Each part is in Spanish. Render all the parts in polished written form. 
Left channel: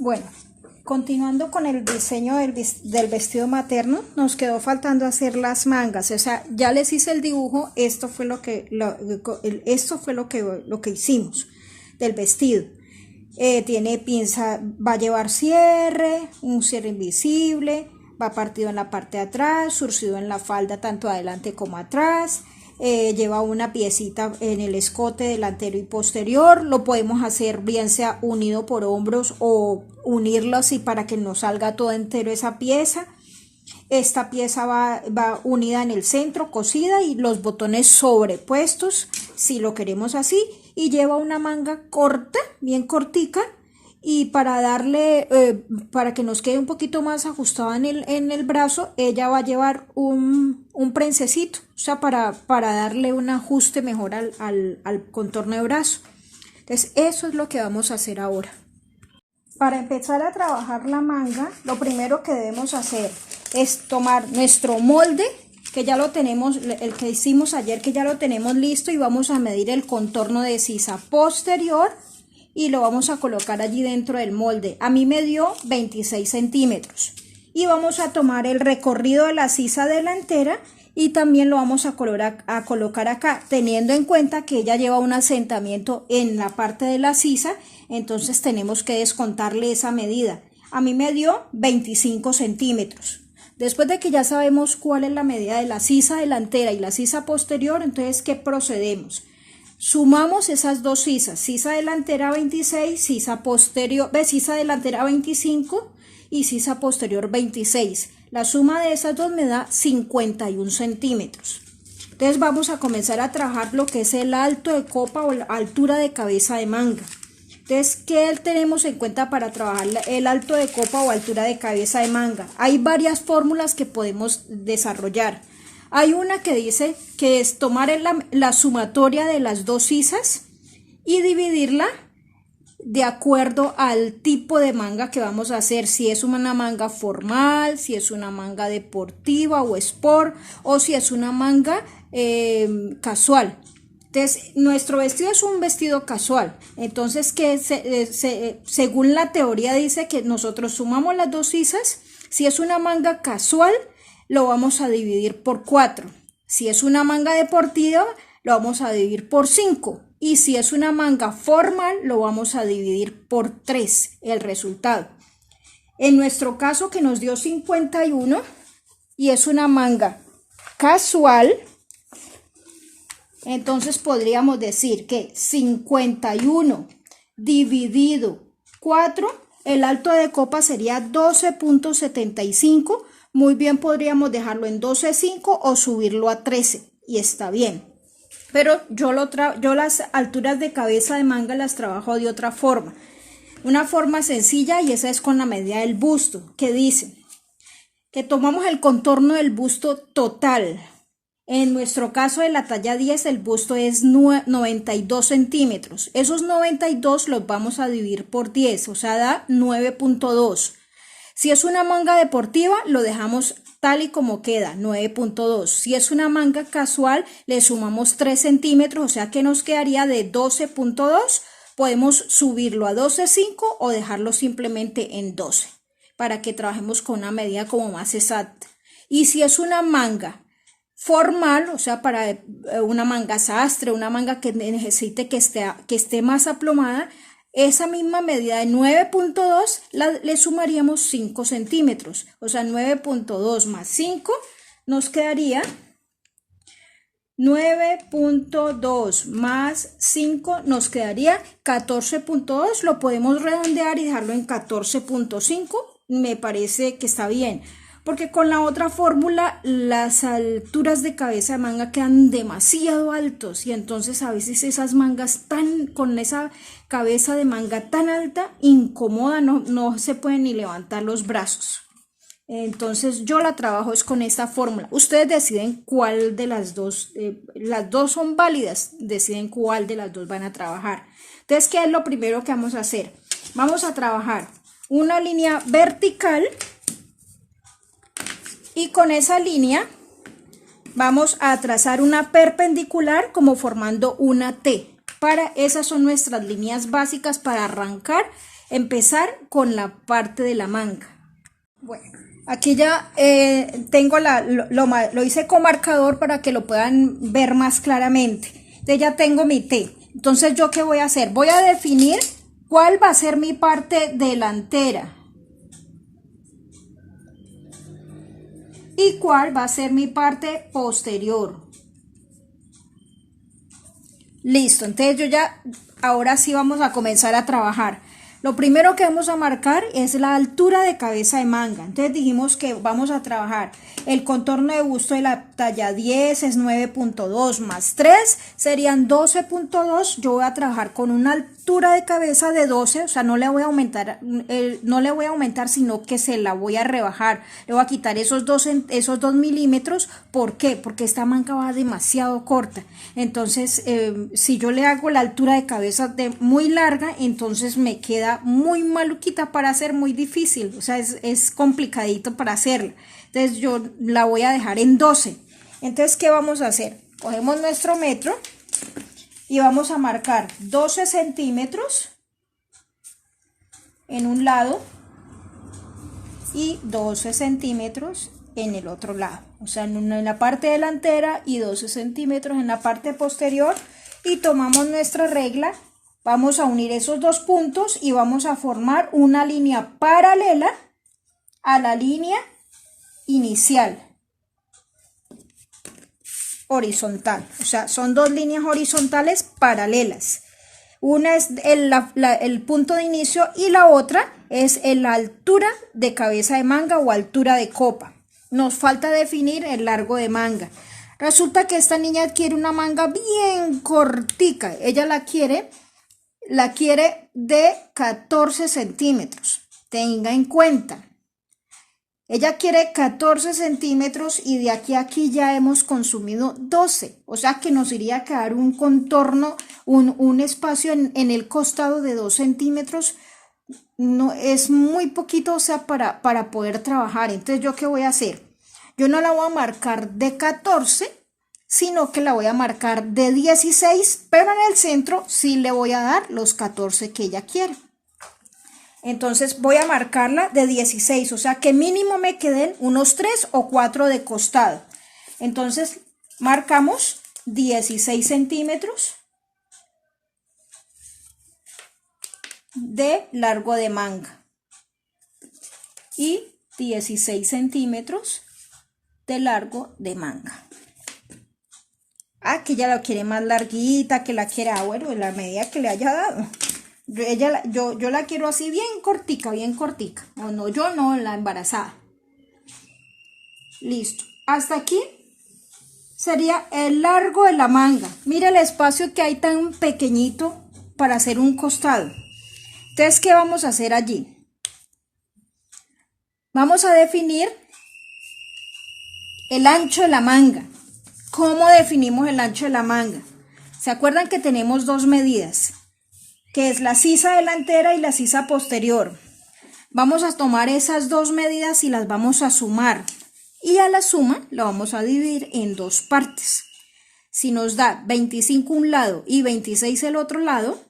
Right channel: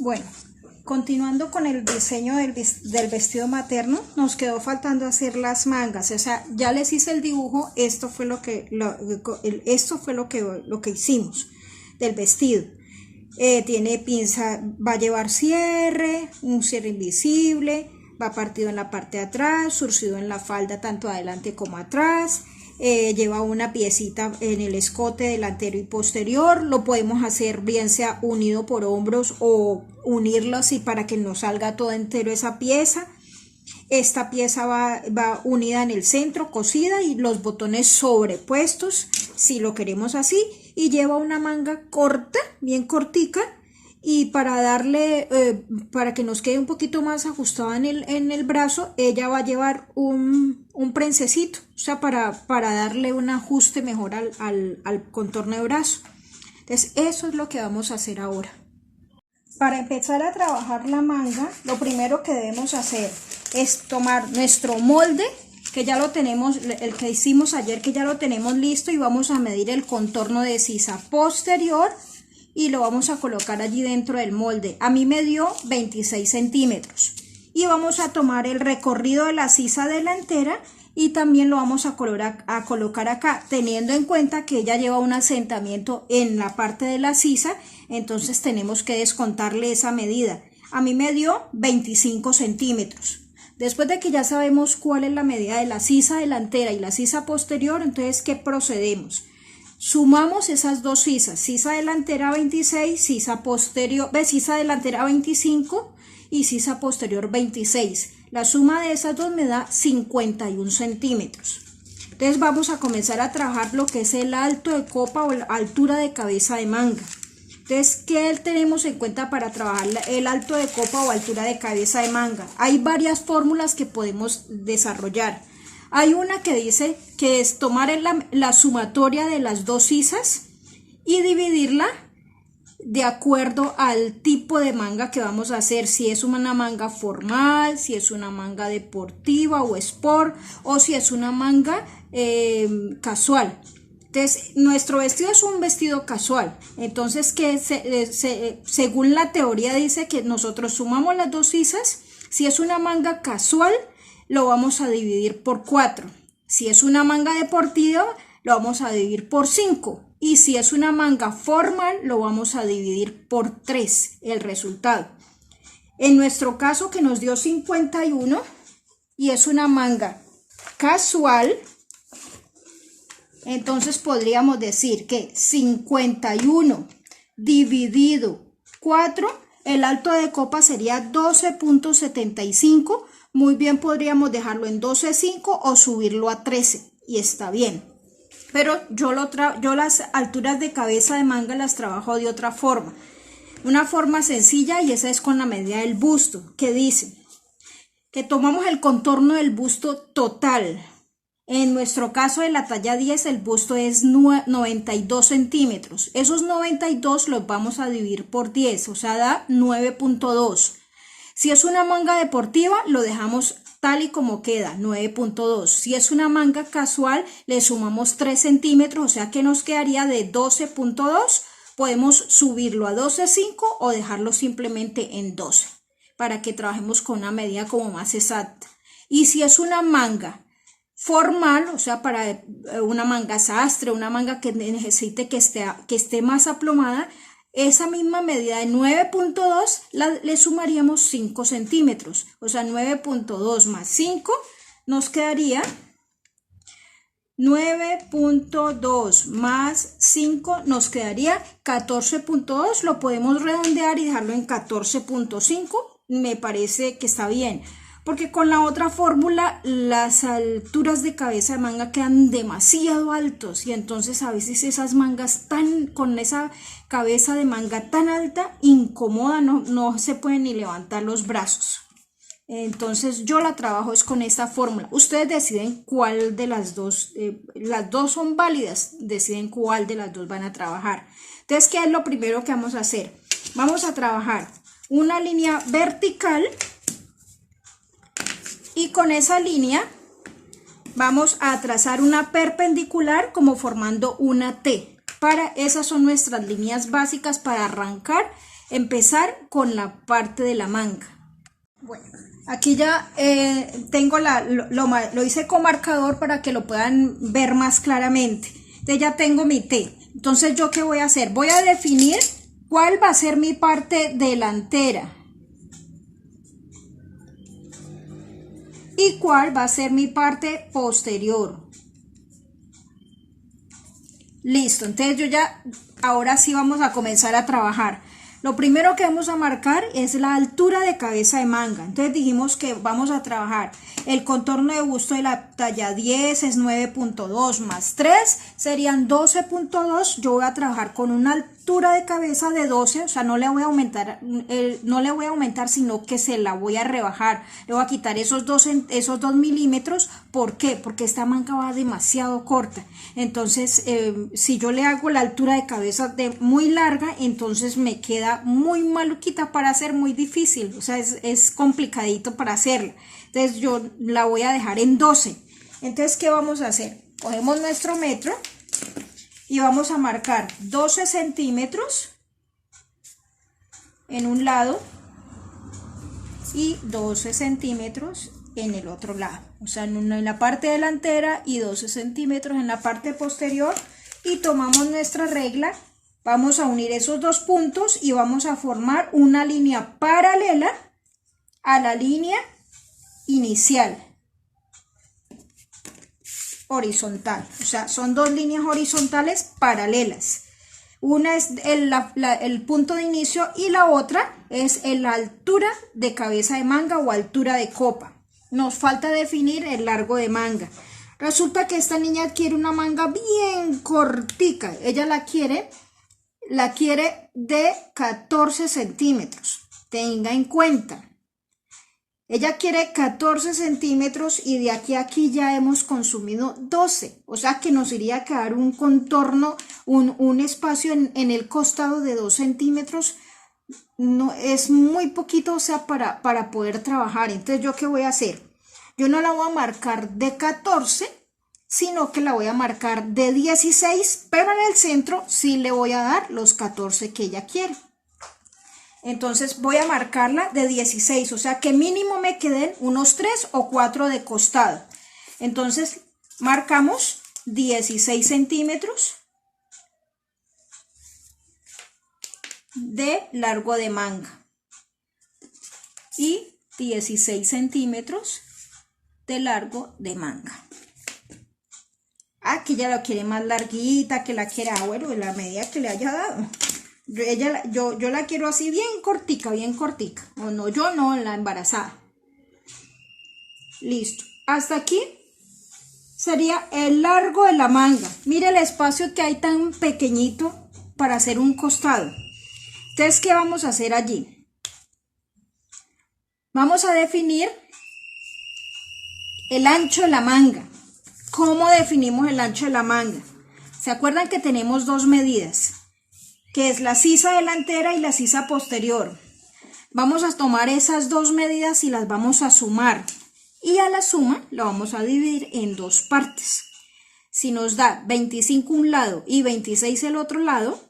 Bueno, continuando con el diseño del vestido materno, nos quedó faltando hacer las mangas. O sea, ya les hice el dibujo, esto fue lo que hicimos del vestido. Tiene pinza, va a llevar cierre, un cierre invisible, va partido en la parte de atrás, surcido en la falda tanto adelante como atrás. Lleva una piecita en el escote delantero y posterior. Lo podemos hacer bien sea unido por hombros o unirlo así para que nos salga todo entero esa pieza. Esta pieza va unida en el centro, cosida, y los botones sobrepuestos si lo queremos así, y lleva una manga corta, bien cortica, y para darle, para que nos quede un poquito más ajustada en el brazo, ella va a llevar un prensecito, o sea, para darle un ajuste mejor al contorno de brazo. Entonces eso es lo que vamos a hacer ahora. Para empezar a trabajar la manga, lo primero que debemos hacer es tomar nuestro molde, que ya lo tenemos, el que hicimos ayer, que ya lo tenemos listo, y vamos a medir el contorno de sisa posterior y lo vamos a colocar allí dentro del molde. A mí me dio 26 centímetros. Y vamos a tomar el recorrido de la sisa delantera y también lo vamos a colocar acá, teniendo en cuenta que ella lleva un asentamiento en la parte de la sisa, entonces tenemos que descontarle esa medida. A mí me dio 25 centímetros. Después de que ya sabemos cuál es la medida de la sisa delantera y la sisa posterior, entonces, ¿qué procedemos? Sumamos esas dos sisas, sisa delantera 26, sisa delantera 25 y sisa posterior 26. La suma de esas dos me da 51 centímetros. Entonces vamos a comenzar a trabajar lo que es el alto de copa o la altura de cabeza de manga. Entonces, ¿qué tenemos en cuenta para trabajar el alto de copa o altura de cabeza de manga? Hay varias fórmulas que podemos desarrollar. Hay una que dice que es tomar la sumatoria de las dos sisas y dividirla de acuerdo al tipo de manga que vamos a hacer, si es una manga formal, si es una manga deportiva o sport, o si es una manga casual. Entonces, nuestro vestido es un vestido casual, entonces según la teoría dice que nosotros sumamos las dos sisas. Si es una manga casual, lo vamos a dividir por 4. Si es una manga deportiva, lo vamos a dividir por 5. Y si es una manga formal, lo vamos a dividir por 3, el resultado. En nuestro caso, que nos dio 51, y es una manga casual, entonces podríamos decir que 51 dividido 4, el alto de copa sería 12.75. Muy bien, podríamos dejarlo en 12.5 o subirlo a 13 y está bien. Pero yo las alturas de cabeza de manga las trabajo de otra forma. Una forma sencilla, y esa es con la medida del busto, que dice que tomamos el contorno del busto total. En nuestro caso de la talla 10, el busto es 92 centímetros. Esos 92 los vamos a dividir por 10, o sea, da 9.2. Si es una manga deportiva, lo dejamos tal y como queda, 9.2. Si es una manga casual, le sumamos 3 centímetros, o sea que nos quedaría de 12.2. Podemos subirlo a 12.5 o dejarlo simplemente en 12, para que trabajemos con una medida como más exacta. Y si es una manga formal, o sea, para una manga sastre, una manga que necesite que esté más aplomada, esa misma medida de 9.2 le sumaríamos 5 centímetros, o sea, 9.2 más 5 nos quedaría 9.2 más 5 nos quedaría 14.2, lo podemos redondear y dejarlo en 14.5, me parece que está bien. Porque con la otra fórmula las alturas de cabeza de manga quedan demasiado altos y entonces a veces esas mangas con esa cabeza de manga tan alta incomoda, no se pueden ni levantar los brazos. Entonces yo la trabajo es con esta fórmula. Ustedes deciden cuál de las dos son válidas, deciden cuál de las dos van a trabajar. Entonces, ¿qué es lo primero que vamos a hacer? Vamos a trabajar una línea vertical. Y con esa línea vamos a trazar una perpendicular como formando una T. Esas son nuestras líneas básicas para arrancar empezar con la parte de la manga. Bueno, aquí ya tengo lo hice con marcador para que lo puedan ver más claramente. Entonces ya tengo mi T. Entonces, ¿yo qué voy a hacer? Voy a definir cuál va a ser mi parte delantera y cuál va a ser mi parte posterior. Listo, entonces yo ya, ahora sí vamos a comenzar a trabajar. Lo primero que vamos a marcar es la altura de cabeza de manga. Entonces dijimos que vamos a trabajar el contorno de busto de la talla 10 es 9.2 más 3 serían 12.2. Yo voy a trabajar con una altura de cabeza de 12, o sea, no le voy a aumentar, sino que se la voy a rebajar. Le voy a quitar esos 2 milímetros. ¿Por qué? Porque esta manga va demasiado corta. Entonces, si yo le hago la altura de cabeza muy larga, entonces me queda muy maluquita para hacer, muy difícil. O sea, es complicadito para hacerla. Entonces yo la voy a dejar en 12. Entonces, ¿qué vamos a hacer? Cogemos nuestro metro y vamos a marcar 12 centímetros en un lado y 12 centímetros en el otro lado. O sea, en la parte delantera y 12 centímetros en la parte posterior. Y tomamos nuestra regla, vamos a unir esos dos puntos y vamos a formar una línea paralela a la línea inicial horizontal. O sea, son dos líneas horizontales paralelas. Una es el punto de inicio y la otra es la altura de cabeza de manga o altura de copa. Nos falta definir el largo de manga. Resulta que esta niña quiere una manga bien cortica. Ella la quiere de 14 centímetros. Tenga en cuenta. Ella quiere 14 centímetros y de aquí a aquí ya hemos consumido 12. O sea que nos iría a quedar un contorno, un espacio en el costado de 2 centímetros. No, es muy poquito, o sea, para poder trabajar. Entonces, ¿yo qué voy a hacer? Yo no la voy a marcar de 14, sino que la voy a marcar de 16, pero en el centro sí le voy a dar los 14 que ella quiere. Entonces voy a marcarla de 16, o sea que mínimo me queden unos 3 o 4 de costado. Entonces marcamos 16 centímetros de largo de manga y 16 centímetros de largo de manga. Ah, que ella la quiere más larguita, que la quiera, bueno, la medida que le haya dado. Yo la quiero así bien cortica, o no, yo no, la embarazada. Listo, hasta aquí sería el largo de la manga. Mira el espacio que hay tan pequeñito para hacer un costado. Entonces, ¿qué vamos a hacer allí? Vamos a definir el ancho de la manga. ¿Cómo definimos el ancho de la manga? ¿Se acuerdan que tenemos dos medidas? Que es la sisa delantera y la sisa posterior. Vamos a tomar esas dos medidas y las vamos a sumar. Y a la suma la vamos a dividir en dos partes. Si nos da 25 un lado y 26 el otro lado,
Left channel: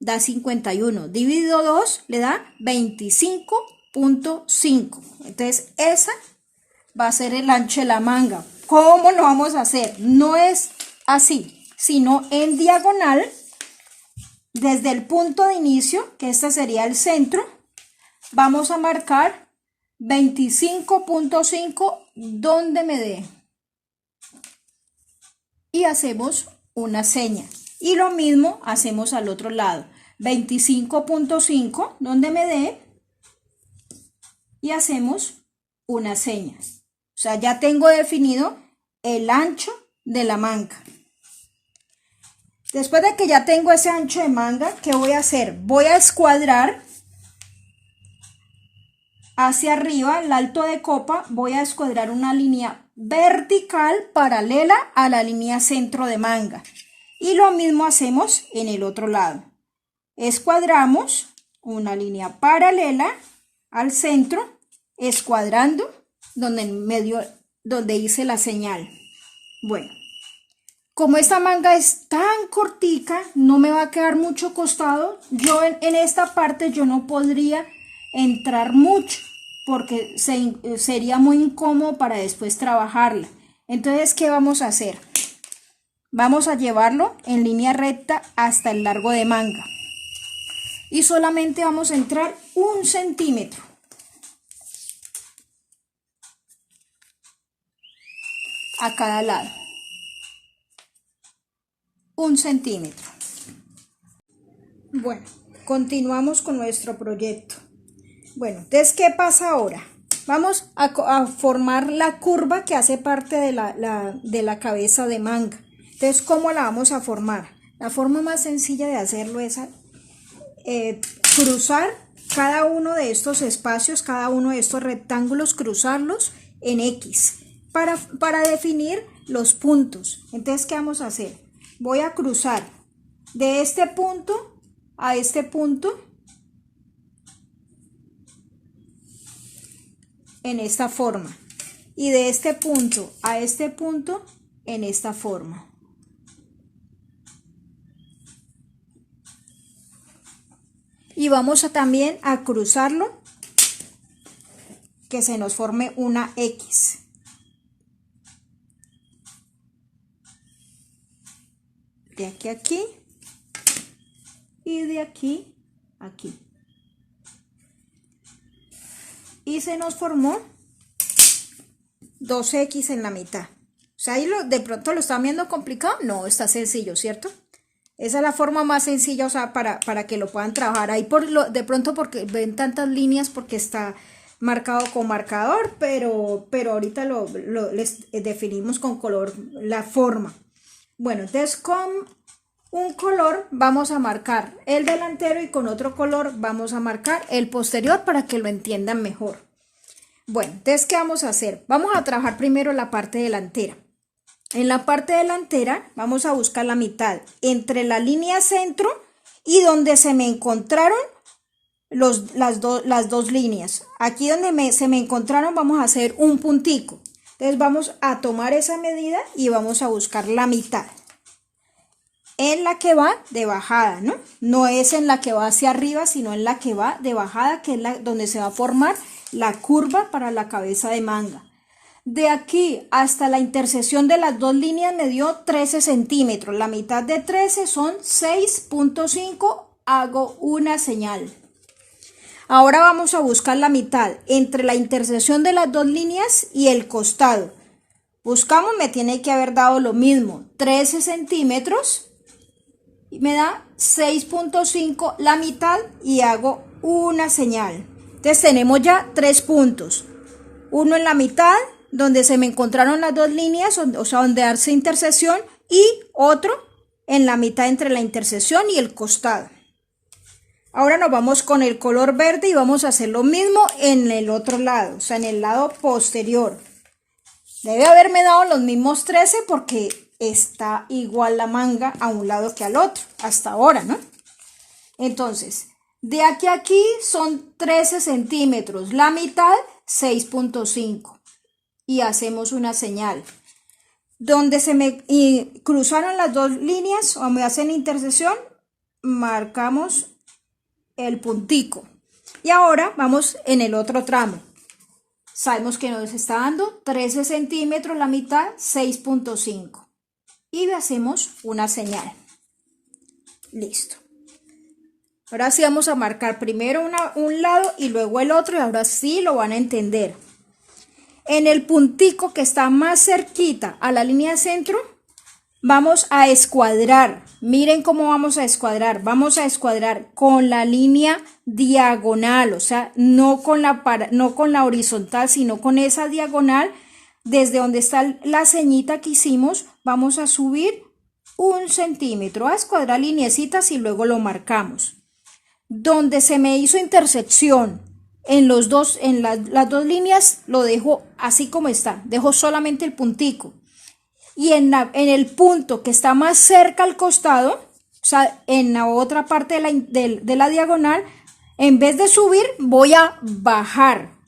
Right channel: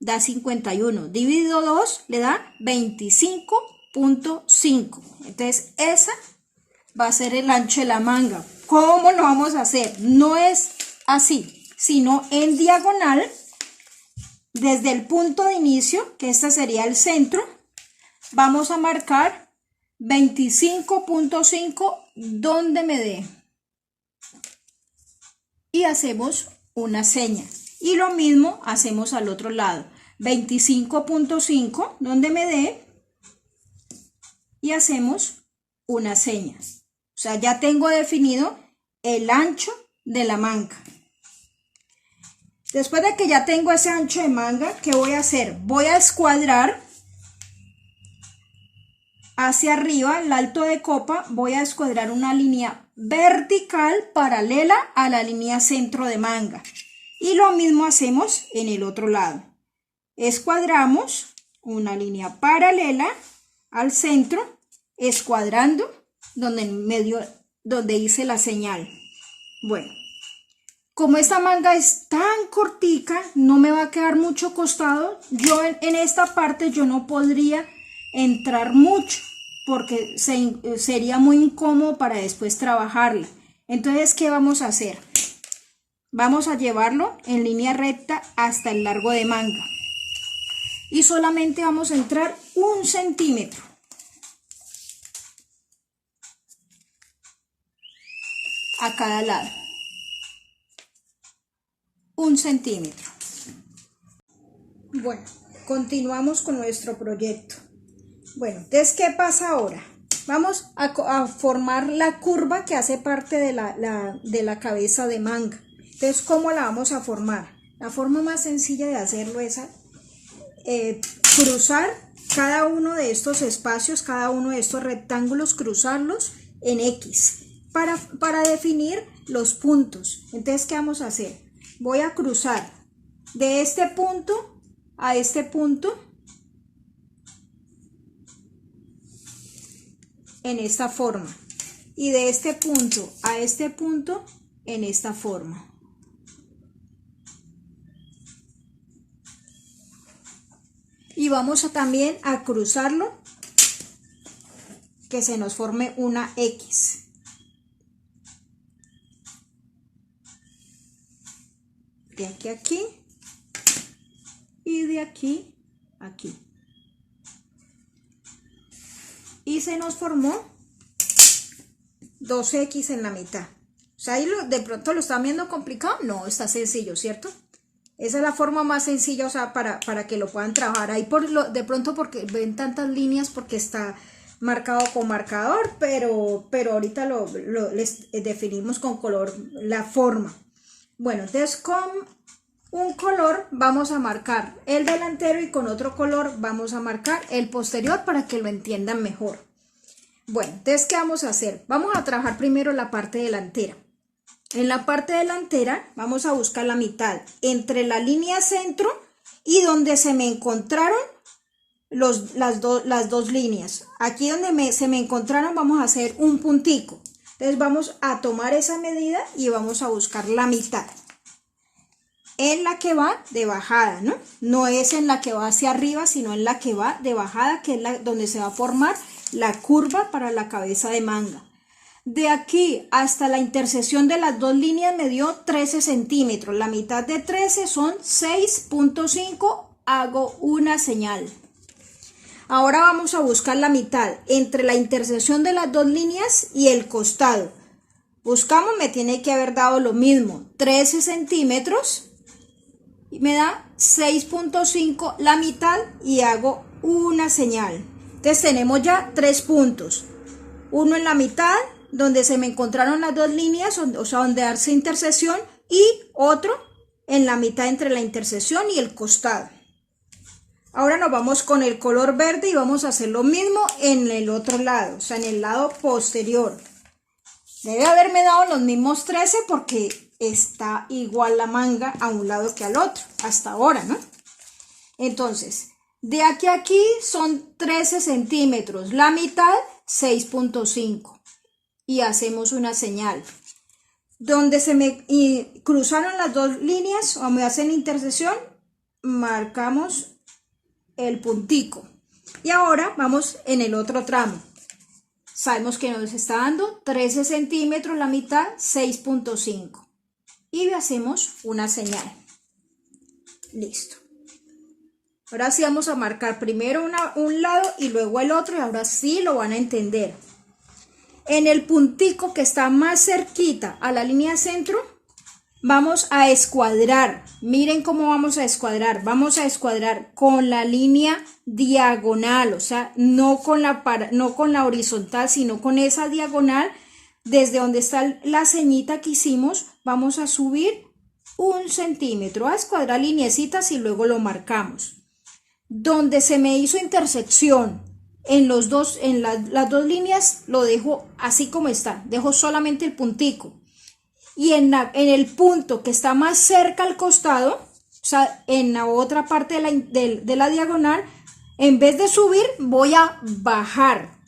da 51. Dividido 2 le da 25.5. Entonces esa va a ser el ancho de la manga. ¿Cómo lo vamos a hacer? No es así, sino en diagonal. Desde el punto de inicio, que este sería el centro, vamos a marcar 25.5 donde me dé. Y hacemos una seña. Y lo mismo hacemos al otro lado. 25.5 donde me dé. Y hacemos una seña. O sea, ya tengo definido el ancho de la manga. Después de que ya tengo ese ancho de manga, ¿qué voy a hacer? Voy a escuadrar hacia arriba, el alto de copa, voy a escuadrar una línea vertical paralela a la línea centro de manga. Y lo mismo hacemos en el otro lado. Escuadramos una línea paralela al centro, escuadrando donde en medio, donde hice la señal. Bueno. Como esta manga es tan cortica, no me va a quedar mucho costado. Yo en esta parte yo no podría entrar mucho porque sería muy incómodo para después trabajarla. Entonces, ¿qué vamos a hacer? Vamos a llevarlo en línea recta hasta el largo de manga. Y solamente vamos a entrar 1 centímetro. A cada lado. 1 centímetro. Bueno, continuamos con nuestro proyecto. Bueno, entonces, ¿qué pasa ahora? Vamos a formar la curva que hace parte de la cabeza de manga. Entonces, ¿cómo la vamos a formar? La forma más sencilla de hacerlo es cruzar cada uno de estos espacios, cada uno de estos rectángulos, cruzarlos en X para definir los puntos. Entonces, ¿qué vamos a hacer? Voy a cruzar de este punto a este punto en esta forma y de este punto a este punto en esta forma. Y vamos también a cruzarlo, que se nos forme una X. De aquí a aquí y de aquí a aquí. Y se nos formó 2X en la mitad. O sea, ahí de pronto lo están viendo complicado. No, está sencillo, ¿cierto? Esa es la forma más sencilla, o sea, para que lo puedan trabajar. Ahí de pronto porque ven tantas líneas porque está marcado con marcador, pero ahorita les definimos con color la forma. Bueno, entonces con un color vamos a marcar el delantero y con otro color vamos a marcar el posterior para que lo entiendan mejor. Bueno, entonces, ¿qué vamos a hacer? Vamos a trabajar primero la parte delantera. En la parte delantera vamos a buscar la mitad entre la línea centro y donde se me encontraron las dos líneas. Aquí donde se me encontraron vamos a hacer un puntico. Entonces vamos a tomar esa medida y vamos a buscar la mitad. En la que va de bajada, ¿no? No es en la que va hacia arriba, sino en la que va de bajada, que es donde se va a formar la curva para la cabeza de manga. De aquí hasta la intersección de las dos líneas me dio 13 centímetros. La mitad de 13 son 6.5. Hago una señal. Ahora vamos a buscar la mitad entre la intersección de las dos líneas y el costado. Buscamos, me tiene que haber dado lo mismo, 13 centímetros. Y me da 6.5 la mitad y hago una señal. Entonces tenemos ya 3 puntos. Uno en la mitad, donde se me encontraron las dos líneas, o sea, donde hace intersección, y otro en la mitad entre la intersección y el costado. Ahora nos vamos con el color verde y vamos a hacer lo mismo en el otro lado, o sea, en el lado posterior. Debe haberme dado los mismos 13 porque está igual la manga a un lado que al otro, hasta ahora, ¿no? Entonces, de aquí a aquí son 13 centímetros, la mitad 6.5 y hacemos una señal. Donde se me cruzaron las dos líneas o me hacen intersección, marcamos el puntico. Y ahora vamos en el otro tramo. Sabemos que nos está dando 13 centímetros, la mitad 6.5. Y hacemos una señal. Listo. Ahora sí vamos a marcar primero un lado y luego el otro y ahora sí lo van a entender. En el puntico que está más cerquita a la línea de centro, vamos a escuadrar. Miren cómo vamos a escuadrar. Vamos a escuadrar con la línea diagonal, o sea, no con la horizontal, sino con esa diagonal. Desde donde está la ceñita que hicimos, vamos a subir 1 centímetro, a escuadrar lineecitas y luego lo marcamos. Donde se me hizo intersección en las dos líneas, lo dejo así como está, dejo solamente el puntico. Y en el punto que está más cerca al costado, o sea, en la otra parte de la diagonal, en vez de subir, voy a bajar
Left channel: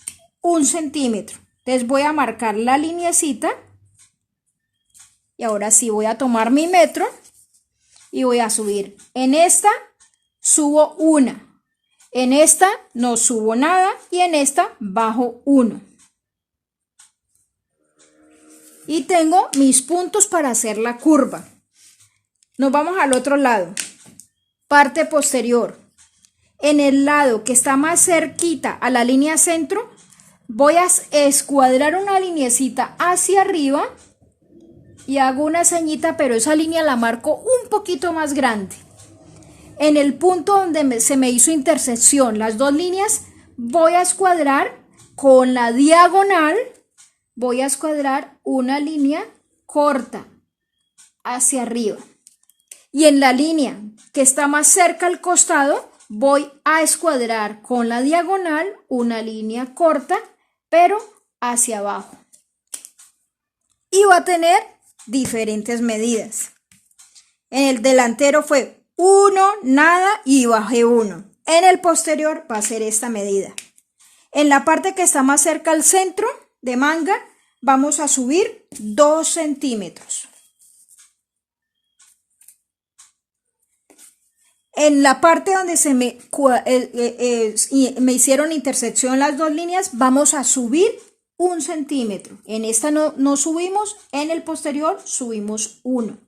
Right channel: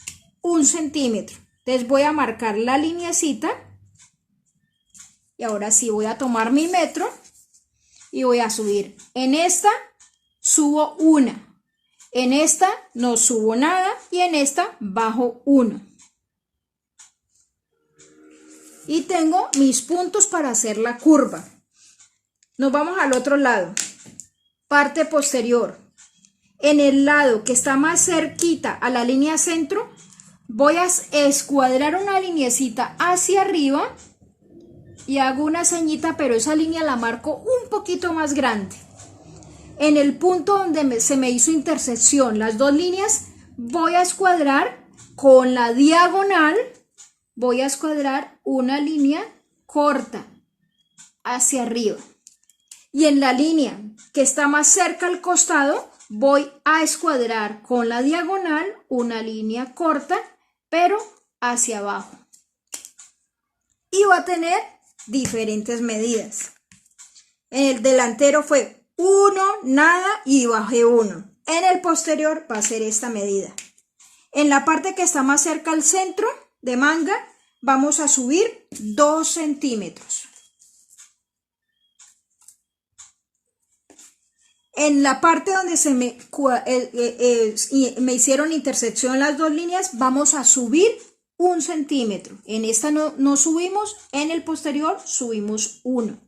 1 centímetro. Entonces voy a marcar la lineecita Y ahora sí voy a tomar mi metro y voy a subir. En esta subo una. En esta no subo nada y en esta bajo 1. Y tengo mis puntos para hacer la curva. Nos vamos al otro lado. Parte posterior. En el lado que está más cerquita a la línea centro, voy a escuadrar una linecita hacia arriba y hago una ceñita, pero esa línea la marco un poquito más grande. En el punto donde se me hizo intersección las dos líneas, voy a escuadrar con la diagonal, voy a escuadrar una línea corta hacia arriba. Y en la línea que está más cerca al costado, voy a escuadrar con la diagonal una línea corta, pero hacia abajo. Y va a tener diferentes medidas. En el delantero fue 1, nada y bajé 1. En el posterior va a ser esta medida. En la parte que está más cerca al centro de manga, vamos a subir 2 centímetros. En la parte donde se me hicieron intersección las dos líneas, vamos a subir 1 centímetro. En esta no subimos, en el posterior subimos 1.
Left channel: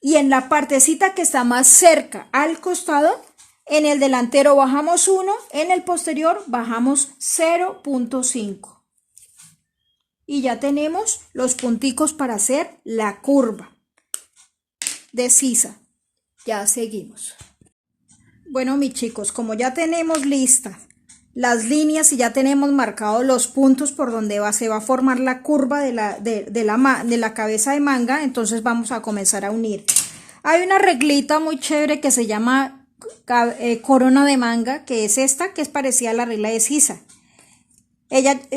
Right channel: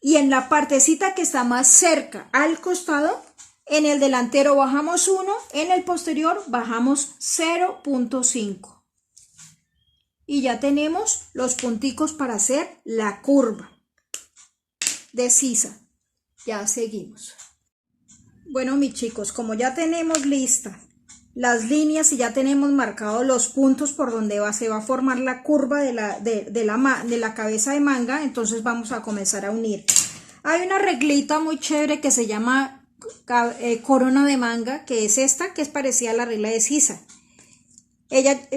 Y en la partecita que está más cerca al costado, en el delantero bajamos 1, en el posterior bajamos 0.5. Y ya tenemos los punticos para hacer la curva de sisa. Ya seguimos. Bueno, mis chicos, como ya tenemos listas las líneas y ya tenemos marcados los puntos por donde se va a formar la curva de la cabeza de manga, entonces vamos a comenzar a unir. Hay una reglita muy chévere que se llama corona de manga, que es esta, que es parecida a la regla de sisa.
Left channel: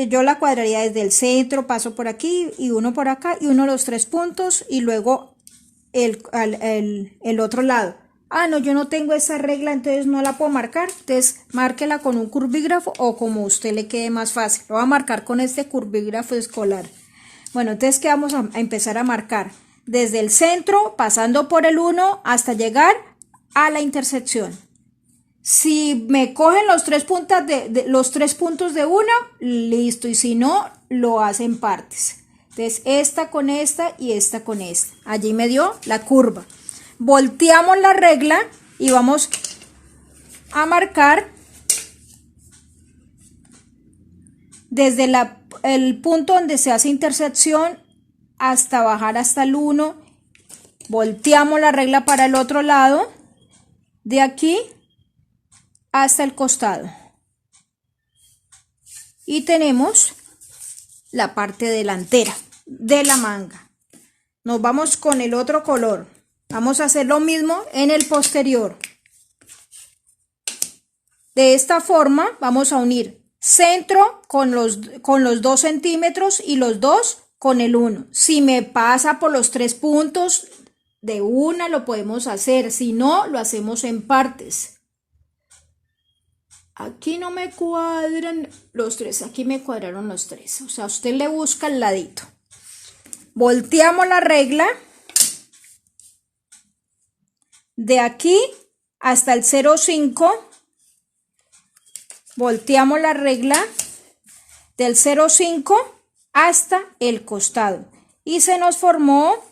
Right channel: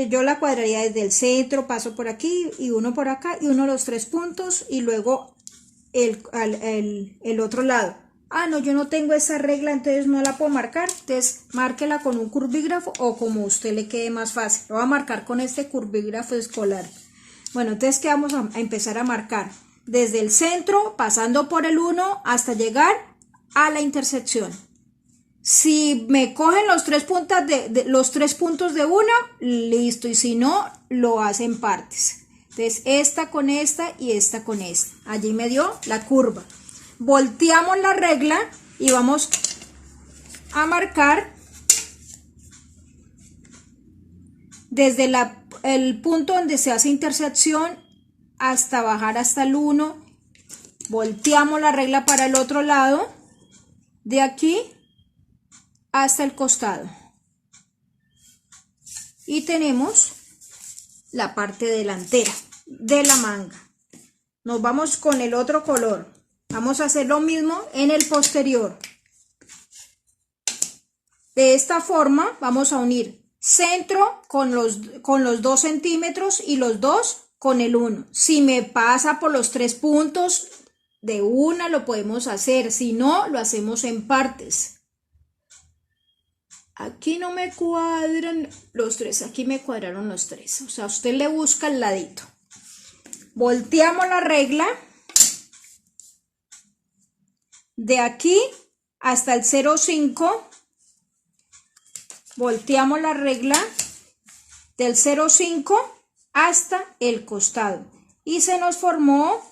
Yo la cuadraría desde el centro, paso por aquí y uno por acá y uno los 3 puntos y luego el otro lado. Ah, no, yo no tengo esa regla, entonces no la puedo marcar. Entonces márquela con un curvígrafo o como a usted le quede más fácil. Lo voy a marcar con este curvígrafo escolar. Bueno, entonces ¿qué vamos a empezar a marcar? Desde el centro, pasando por el 1 hasta llegar a la intersección. Si me cogen los 3 puntos de una, listo. Y si no, lo hacen partes. Entonces, esta con esta y esta con esta. Allí me dio la curva. Volteamos la regla y vamos a marcar desde el punto donde se hace intersección hasta bajar hasta el 1. Volteamos la regla para el otro lado, de aquí hasta el costado. Y tenemos la parte delantera de la manga. Nos vamos con el otro color. Vamos a hacer lo mismo en el posterior. De esta forma vamos a unir centro con los 2 centímetros y los 2 con el 1. Si me pasa por los 3 puntos de una lo podemos hacer, si no lo hacemos en partes. Aquí no me cuadran los 3, aquí me cuadraron los 3. O sea, usted le busca el ladito. Volteamos la regla de aquí hasta el 0,5. Volteamos la regla del 0,5 hasta el costado. Y se nos formó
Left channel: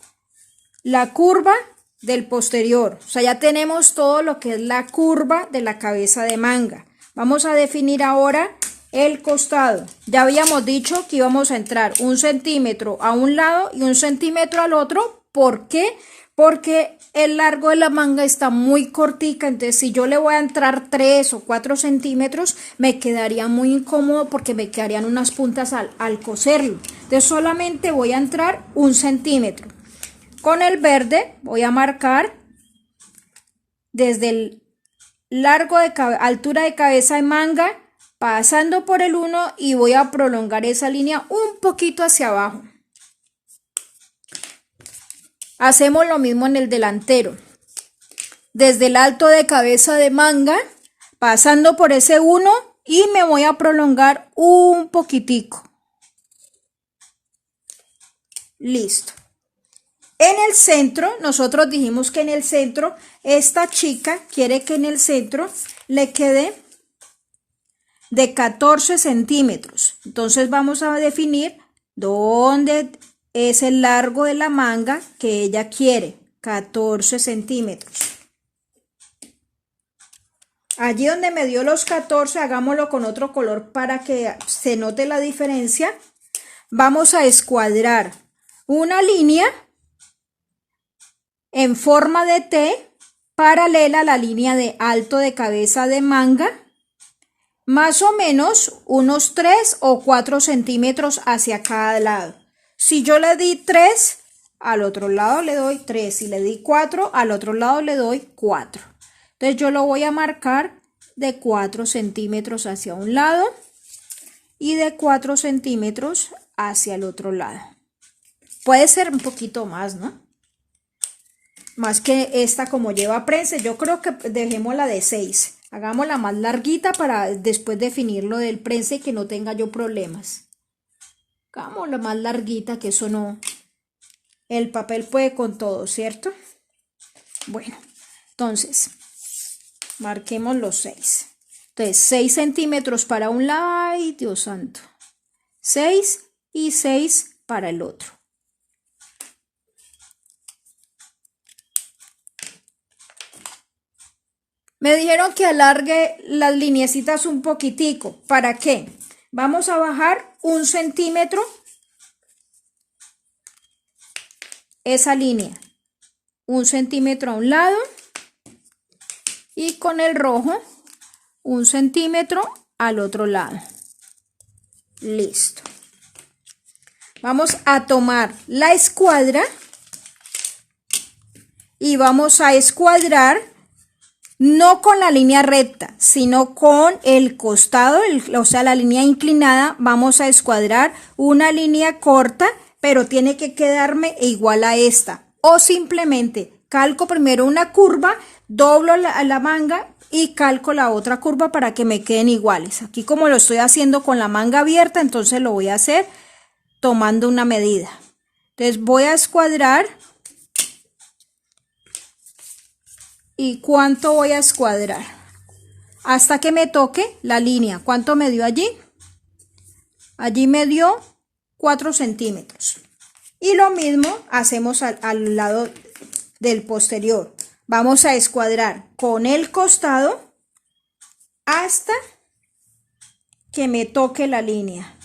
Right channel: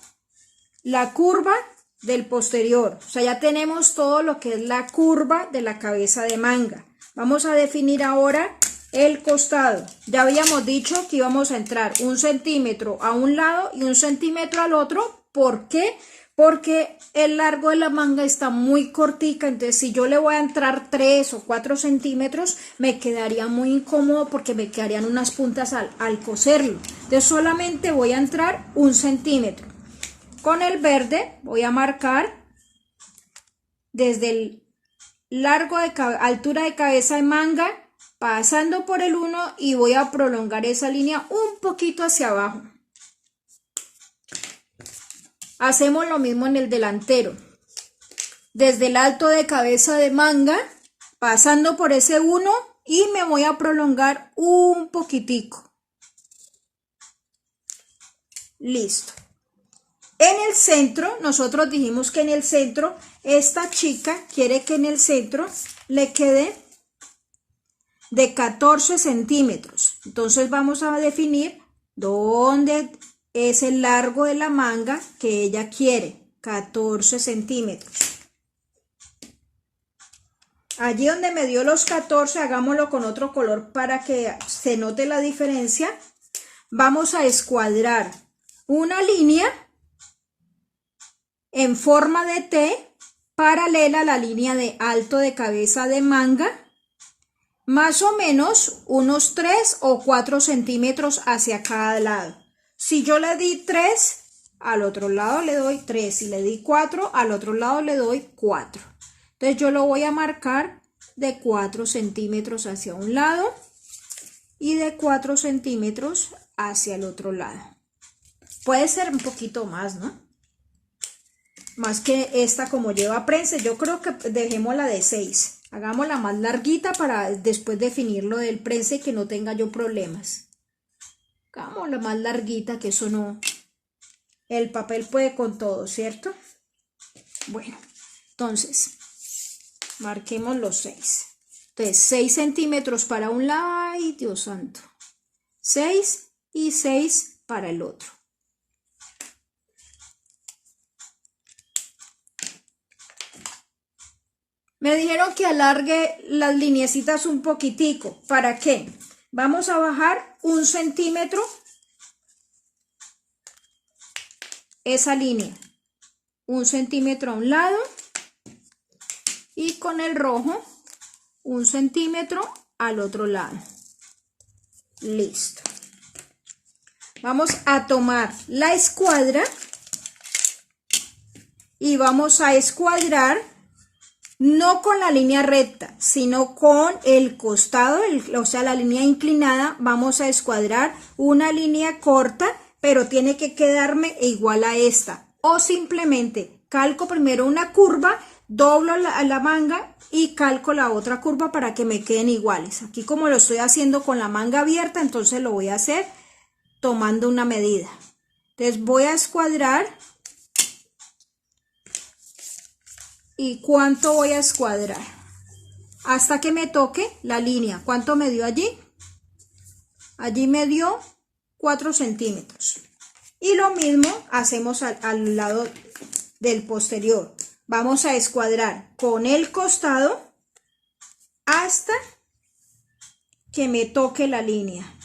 la curva del posterior. O sea, ya tenemos todo lo que es la curva de la cabeza de manga. Vamos a definir ahora el costado. Ya habíamos dicho que íbamos a entrar 1 centímetro a un lado y 1 centímetro al otro. ¿Por qué? Porque el largo de la manga está muy cortica, entonces si yo le voy a entrar 3 o 4 centímetros, me quedaría muy incómodo porque me quedarían unas puntas al coserlo. Entonces solamente voy a entrar 1 centímetro. Con el verde voy a marcar desde el largo de altura de cabeza de manga, pasando por el 1 y voy a prolongar esa línea un poquito hacia abajo. Hacemos lo mismo en el delantero. Desde el alto de cabeza de manga, pasando por ese 1 y me voy a prolongar un poquitico. Listo. En el centro, nosotros dijimos que en el centro, esta chica quiere que en el centro le quede de 14 centímetros. Entonces vamos a definir dónde es el largo de la manga que ella quiere, 14 centímetros. Allí donde me dio los 14, hagámoslo con otro color para que se note la diferencia. Vamos a escuadrar una línea en forma de T paralela a la línea de alto de cabeza de manga, más o menos unos 3 o 4 centímetros hacia cada lado. Si yo le di 3, al otro lado le doy 3. Si le di 4, al otro lado le doy 4. Entonces yo lo voy a marcar de 4 centímetros hacia un lado y de 4 centímetros hacia el otro lado. Puede ser un poquito más, ¿no? Más que esta como lleva prensa, yo creo que dejémosla de 6. Hagámosla más larguita para después definir lo del prensa y que no tenga yo problemas. Hagámosla más larguita, que eso no... El papel puede con todo, ¿cierto? Bueno, entonces, marquemos los 6. Entonces, 6 centímetros para un lado, ay Dios santo. 6 y 6 para el otro. Me dijeron que alargue las lineecitas un poquitico. ¿Para qué? Vamos a bajar 1 centímetro esa línea. 1 centímetro a un lado y con el rojo 1 centímetro al otro lado. Listo. Vamos a tomar la escuadra y vamos a escuadrar no con la línea recta, sino con el costado, o sea, la línea inclinada. Vamos a escuadrar una línea corta, pero tiene que quedarme igual a esta. O simplemente calco primero una curva, doblo la manga y calco la otra curva para que me queden iguales. Aquí como lo estoy haciendo con la manga abierta, entonces lo voy a hacer tomando una medida. Entonces voy a escuadrar. ¿Y cuánto voy a escuadrar? Hasta que me toque la línea. ¿Cuánto me dio allí? Allí me dio 4 centímetros. Y lo mismo hacemos al lado del posterior. Vamos a escuadrar con el costado hasta que me toque la línea.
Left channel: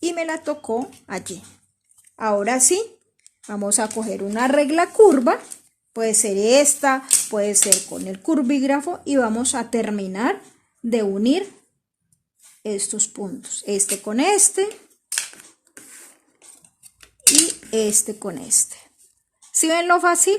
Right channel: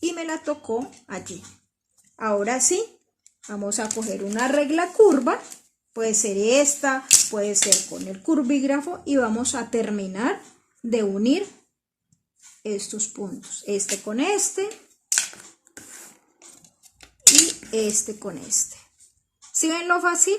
Y me la tocó allí. Ahora sí, vamos a coger una regla curva. Puede ser esta, puede ser con el curvígrafo y vamos a terminar de unir estos puntos. Este con este y este con este. ¿Sí ven lo fácil?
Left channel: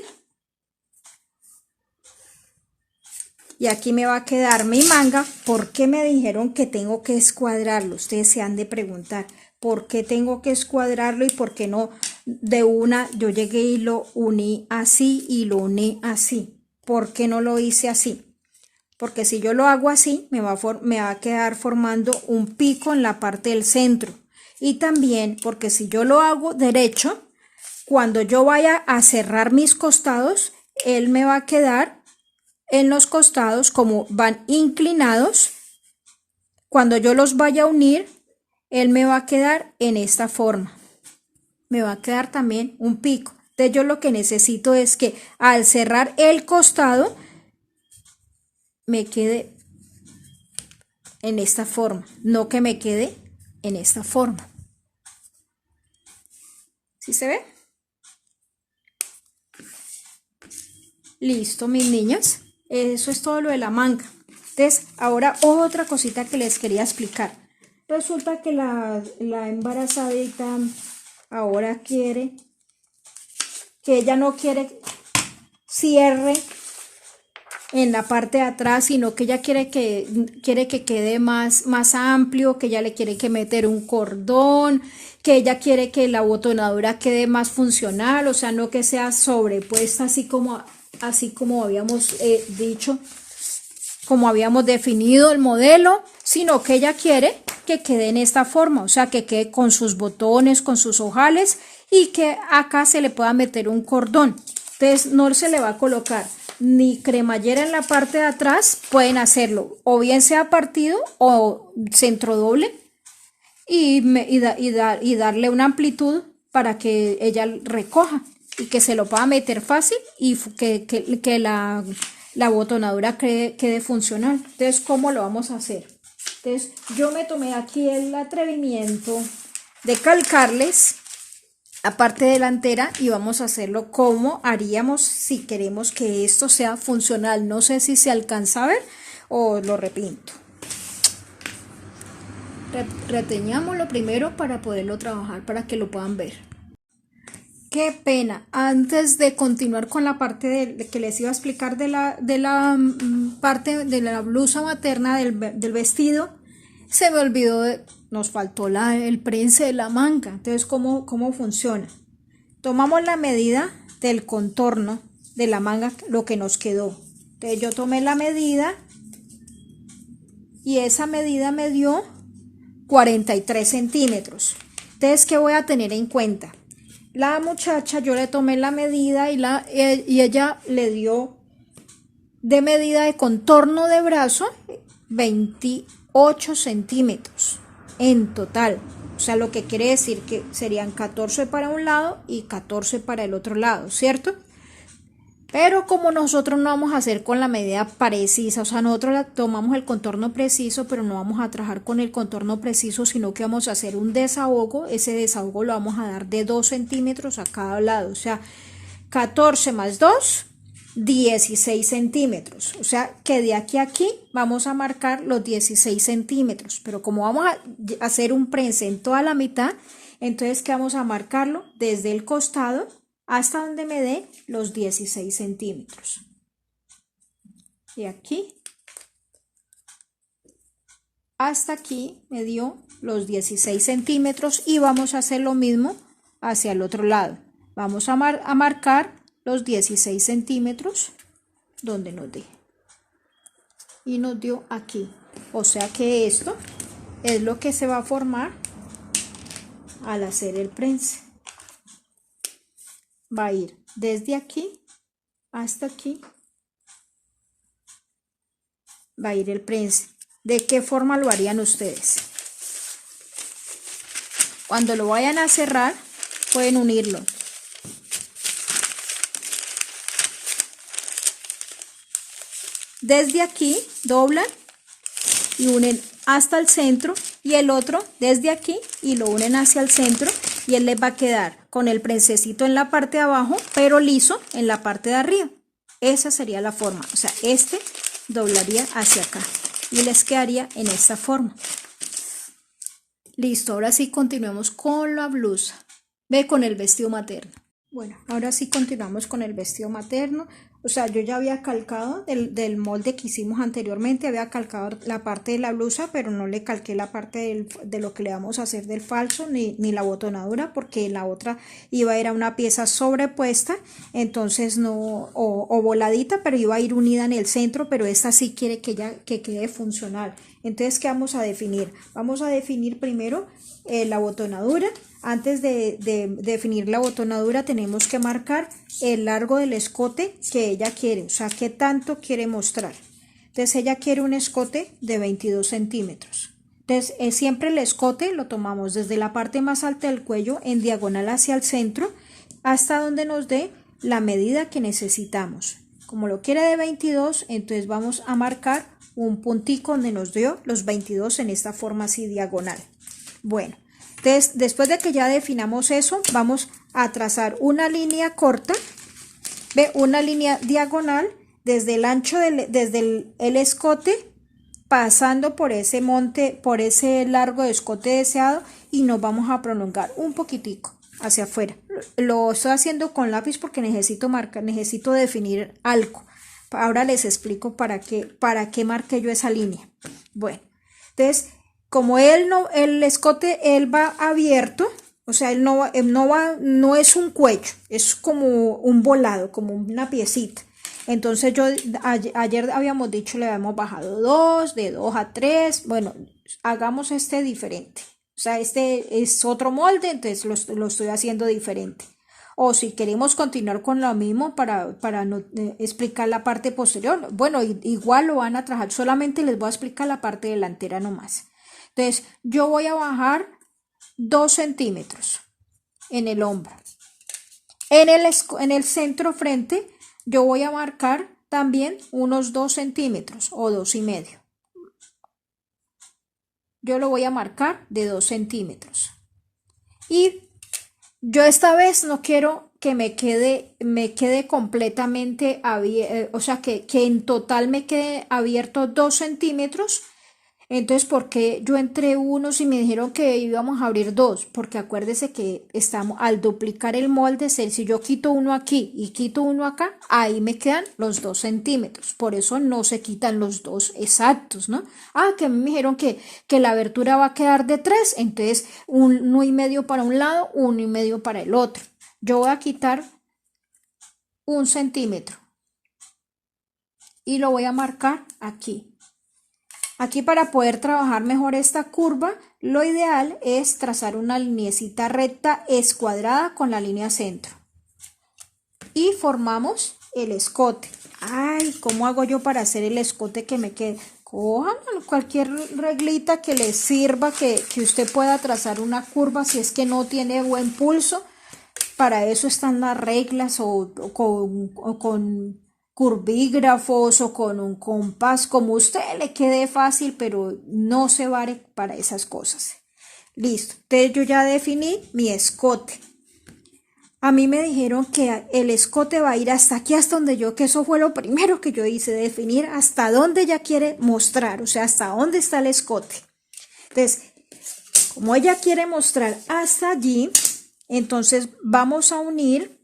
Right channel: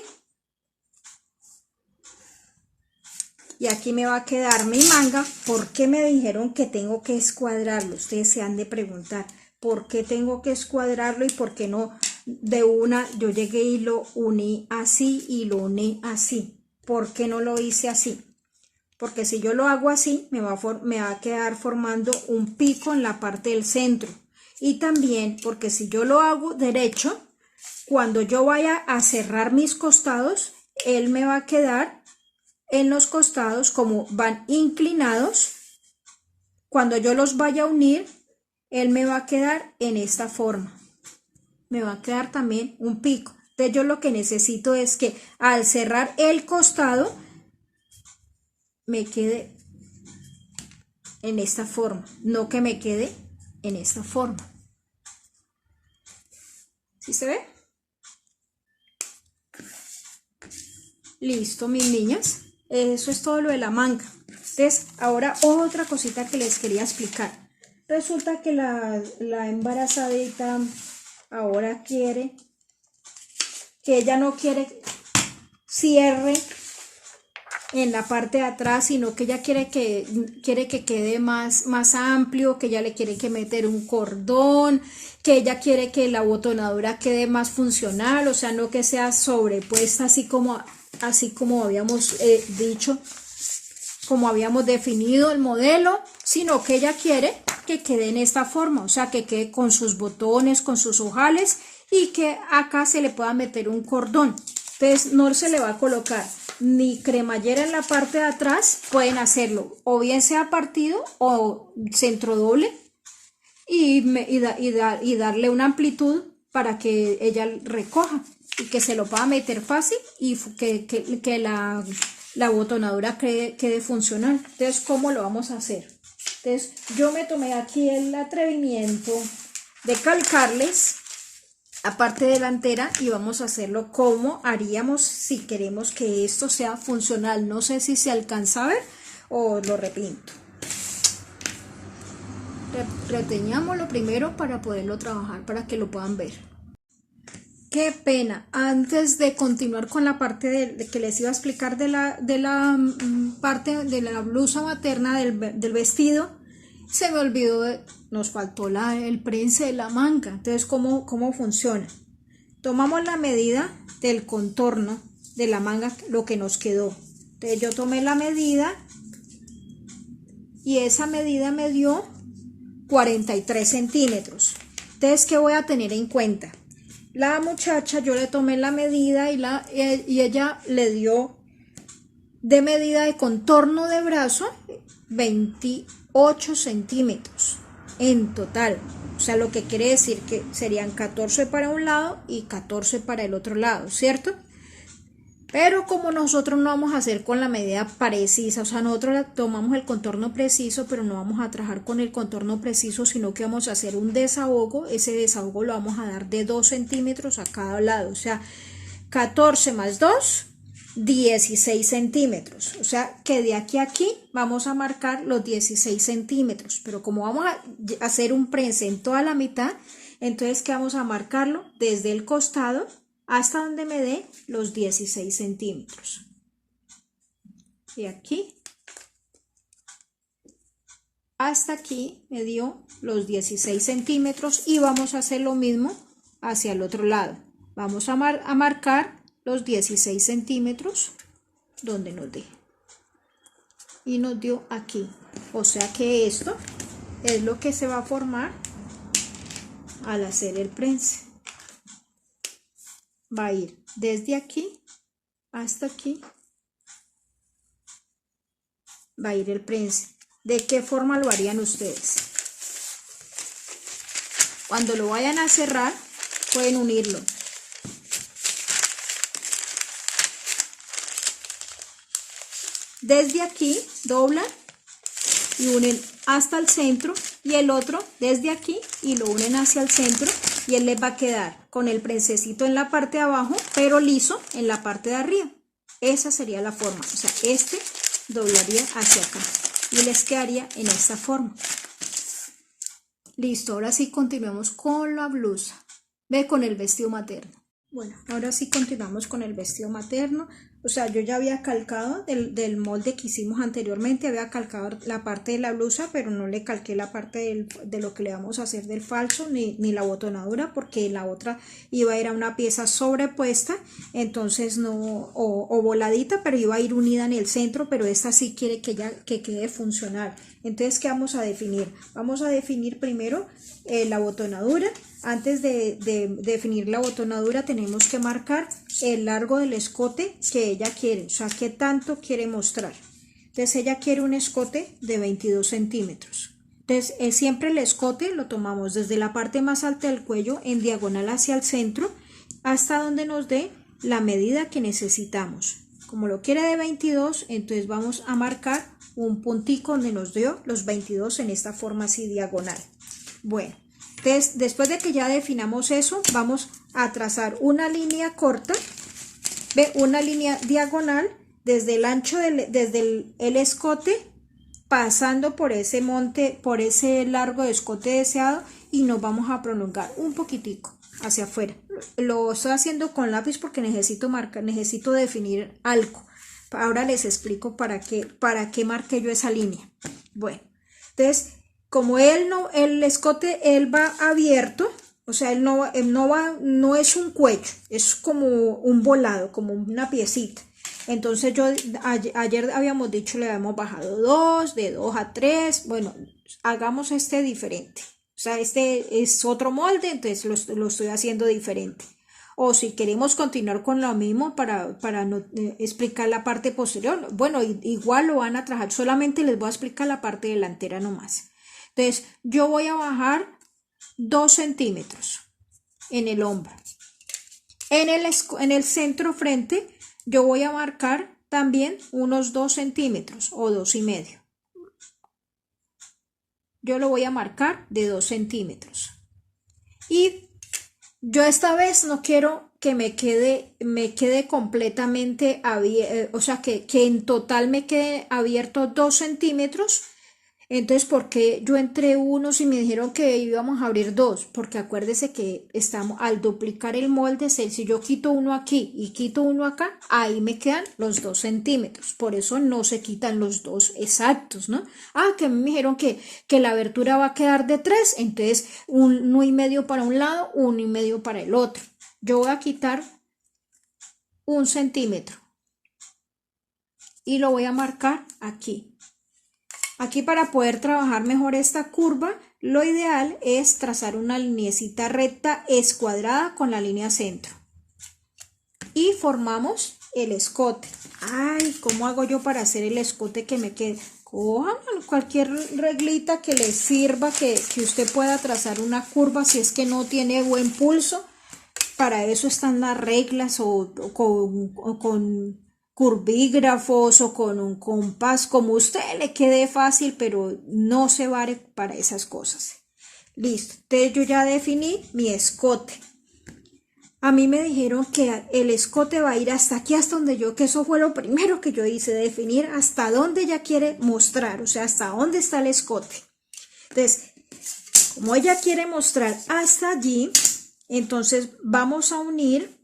Y aquí me va a quedar mi manga. ¿Por qué me dijeron que tengo que escuadrarlo? Ustedes se han de preguntar. ¿Por qué tengo que escuadrarlo y por qué no de una yo llegué y lo uní así y lo uní así? ¿Por qué no lo hice así? Porque si yo lo hago así, me va a quedar formando un pico en la parte del centro. Y también porque si yo lo hago derecho, cuando yo vaya a cerrar mis costados, él me va a quedar en los costados como van inclinados. Cuando yo los vaya a unir, él me va a quedar en esta forma. Me va a quedar también un pico. Entonces yo lo que necesito es que al cerrar el costado me quede en esta forma, no que me quede en esta forma. ¿Sí se ve? Listo, mis niñas. Eso es todo lo de la manga. Entonces, ahora otra cosita que les quería explicar. Resulta que la embarazadita ahora quiere que ella no quiere cierre en la parte de atrás, sino que ella quiere que quede más amplio, que ella le quiere que meter un cordón, que ella quiere que la botonadura quede más funcional, o sea, no que sea sobrepuesta así como habíamos dicho, como habíamos definido el modelo, sino que ella quiere que quede en esta forma, o sea, que quede con sus botones, con sus ojales y que acá se le pueda meter un cordón. Entonces no se le va a colocar ni cremallera en la parte de atrás, pueden hacerlo o bien sea partido o centro doble y darle una amplitud para que ella recoja y que se lo pueda meter fácil y que la botonadura quede funcional. Entonces, ¿cómo lo vamos a hacer? Entonces, yo me tomé aquí el atrevimiento de calcarles la parte delantera y vamos a hacerlo como haríamos si queremos que esto sea funcional. No sé si se alcanza a ver o lo repinto. Reteñamos lo primero para poderlo trabajar, para que lo puedan ver. Qué pena, antes de continuar con la parte de que les iba a explicar de la parte de la blusa materna del vestido, se me olvidó, nos faltó el prense de la manga. Entonces, ¿cómo funciona? Tomamos la medida del contorno de la manga, lo que nos quedó. Entonces yo tomé la medida y esa medida me dio 43 centímetros. Entonces, ¿qué voy a tener en cuenta? La muchacha, yo le tomé la medida y ella le dio de medida de contorno de brazo 28 centímetros en total. O sea, lo que quiere decir que serían 14 para un lado y 14 para el otro lado, ¿cierto? Pero como nosotros no vamos a hacer con la medida precisa, o sea, nosotros tomamos el contorno preciso, pero no vamos a trabajar con el contorno preciso, sino que vamos a hacer un desahogo. Ese desahogo lo vamos a dar de 2 centímetros a cada lado, o sea, 14 más 2, 16 centímetros. O sea, que de aquí a aquí vamos a marcar los 16 centímetros, pero como vamos a hacer un prense en toda la mitad, entonces que vamos a marcarlo desde el costado hasta donde me dé los 16 centímetros. Y aquí hasta aquí me dio los 16 centímetros y vamos a hacer lo mismo hacia el otro lado. Vamos a marcar los 16 centímetros donde nos dé. Y nos dio aquí. O sea que esto es lo que se va a formar al hacer el prense. Va a ir desde aquí hasta aquí, va a ir el prense. ¿De qué forma lo harían ustedes? Cuando lo vayan a cerrar, pueden unirlo. Desde aquí doblan y unen hasta el centro, y el otro desde aquí y lo unen hacia el centro, y él les va a quedar con el prensecito en la parte de abajo, pero liso en la parte de arriba. Esa sería la forma. O sea, este doblaría hacia acá y les quedaría en esta forma. Listo, ahora sí continuamos con la blusa. Ve con el vestido materno. Bueno, ahora sí continuamos con el vestido materno. O sea, yo ya había calcado del molde que hicimos anteriormente, había calcado la parte de la blusa, pero no le calqué la parte de lo que le vamos a hacer del falso, ni la botonadura, porque la otra iba a ir a una pieza sobrepuesta, entonces no, o voladita, pero iba a ir unida en el centro, pero esta sí quiere que quede funcional. Entonces, ¿qué vamos a definir? Vamos a definir primero la botonadura. Antes de definir la botonadura tenemos que marcar el largo del escote que ella quiere, o sea, qué tanto quiere mostrar. Entonces ella quiere un escote de 22 centímetros. Entonces siempre el escote lo tomamos desde la parte más alta del cuello en diagonal hacia el centro hasta donde nos dé la medida que necesitamos. Como lo quiere de 22, entonces vamos a marcar un puntico donde nos dio los 22 en esta forma así diagonal. Bueno. Entonces, después de que ya definamos eso, vamos a trazar una línea corta, ¿ve? Una línea diagonal desde el ancho desde el escote, pasando por ese monte, por ese largo de escote deseado, y nos vamos a prolongar un poquitico hacia afuera. Lo estoy haciendo con lápiz porque necesito marcar, necesito definir algo. Ahora les explico para qué marqué yo esa línea. Bueno, entonces, como el escote él va abierto, o sea, él no es un cuello, es como un volado, como una piecita. Entonces ayer habíamos dicho, le habíamos bajado 2, de 2 a 3, bueno, hagamos este diferente. O sea, este es otro molde, entonces lo estoy haciendo diferente. O si queremos continuar con lo mismo para no, explicar la parte posterior, bueno, igual lo van a trabajar, solamente les voy a explicar la parte delantera nomás. Entonces, yo voy a bajar 2 centímetros en el hombro. En el centro frente, yo voy a marcar también unos 2 centímetros o 2,5. Yo lo voy a marcar de 2 centímetros. Y yo esta vez no quiero que me quede completamente abierto, o sea, que en total me quede abierto 2 centímetros. Entonces, ¿por qué yo entré unos y me dijeron que íbamos a abrir 2? Porque acuérdese que estamos al duplicar el molde, si yo quito uno aquí y quito uno acá, ahí me quedan los 2 centímetros. Por eso no se quitan los 2 exactos, ¿no? Ah, que a mí me dijeron que la abertura va a quedar de 3, entonces 1,5 para un lado, 1,5 para el otro. Yo voy a quitar 1 centímetro y lo voy a marcar aquí. Aquí, para poder trabajar mejor esta curva, lo ideal es trazar una lineecita recta escuadrada con la línea centro. Y formamos el escote. Ay, ¿cómo hago yo para hacer el escote que me quede? Cojan cualquier reglita que les sirva, que usted pueda trazar una curva si es que no tiene buen pulso. Para eso están las reglas o con curvígrafos o con un compás, como a usted le quede fácil, pero no se vale para esas cosas. Listo, entonces yo ya definí mi escote. A mí me dijeron que el escote va a ir hasta aquí, hasta donde que eso fue lo primero que yo hice, definir hasta dónde ella quiere mostrar, o sea, hasta dónde está el escote. Entonces, como ella quiere mostrar hasta allí, entonces vamos a unir.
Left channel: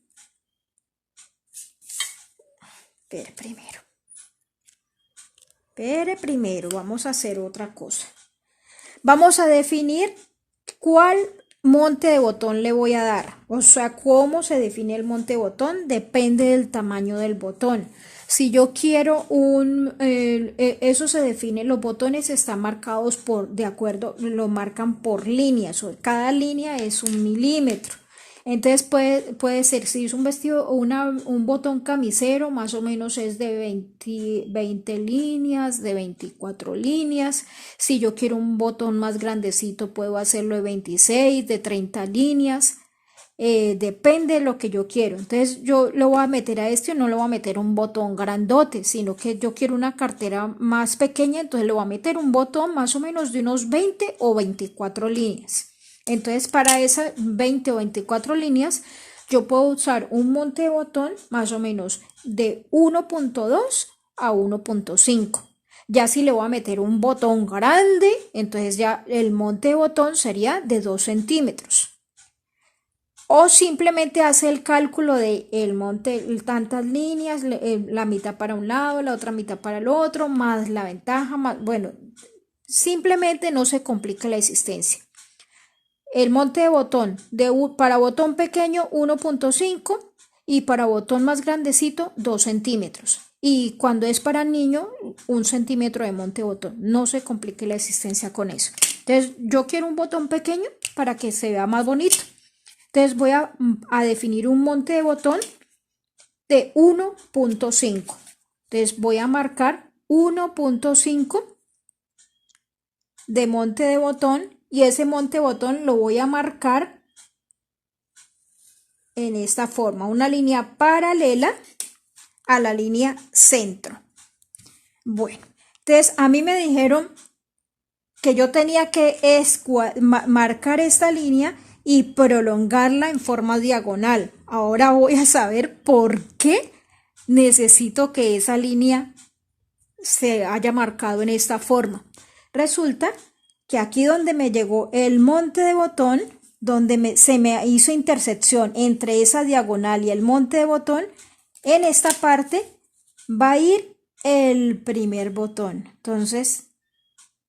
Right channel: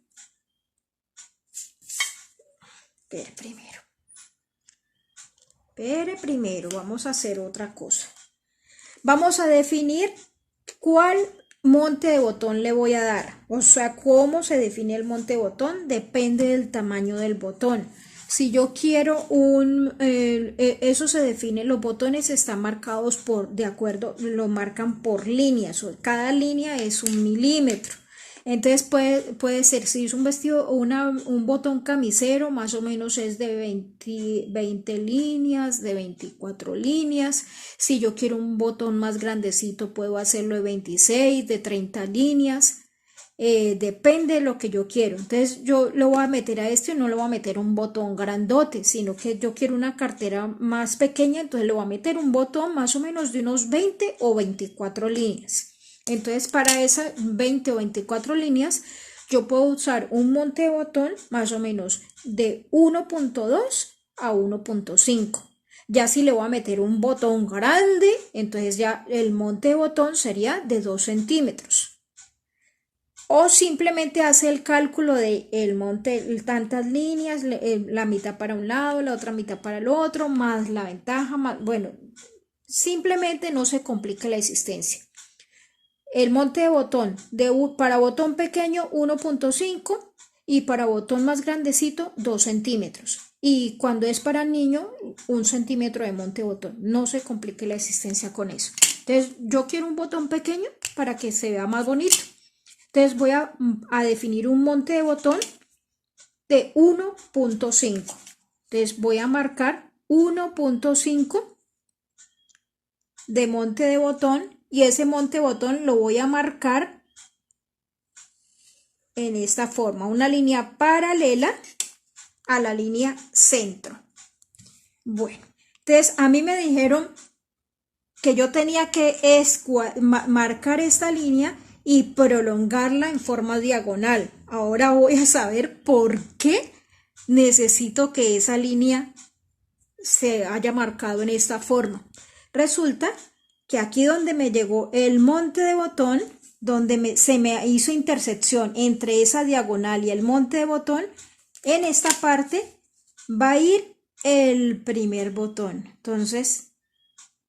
Espere primero, vamos a hacer otra cosa. Vamos a definir cuál monte de botón le voy a dar. O sea, cómo se define el monte de botón depende del tamaño del botón. Si yo quiero eso se define, los botones están marcados de acuerdo, lo marcan por líneas. Cada línea es 1 milímetro. Entonces puede ser, si es un vestido o un botón camisero, más o menos es de 20 líneas, de 24 líneas. Si yo quiero un botón más grandecito, puedo hacerlo de 26, de 30 líneas. Depende de lo que yo quiero. Entonces yo lo voy a meter a este, no le voy a meter un botón grandote, sino que yo quiero una cartera más pequeña, entonces le voy a meter un botón más o menos de unos 20 o 24 líneas. Entonces, para esas 20 o 24 líneas, yo puedo usar un monte de botón más o menos de 1.2 a 1.5. Ya si le voy a meter un botón grande, entonces ya el monte de botón sería de 2 centímetros. O simplemente hace el cálculo de el monte, tantas líneas, la mitad para un lado, la otra mitad para el otro, más la ventaja, más, bueno, simplemente no se complica la existencia. El monte de botón, para botón pequeño 1.5 y para botón más grandecito 2 centímetros. Y cuando es para niño, 1 centímetro de monte de botón. No se complique la existencia con eso. Entonces, yo quiero un botón pequeño para que se vea más bonito. Entonces, voy a definir un monte de botón de 1.5. Entonces, voy a marcar 1.5 de monte de botón. Y ese monte botón lo voy a marcar en esta forma, una línea paralela a la línea centro. Bueno, entonces a mí me dijeron que yo tenía que marcar esta línea y prolongarla en forma diagonal. Ahora voy a saber por qué necesito que esa línea se haya marcado en esta forma. Resulta que aquí donde me llegó el monte de botón, donde se me hizo intersección entre esa diagonal y el monte de botón, en esta parte va a ir el primer botón. Entonces,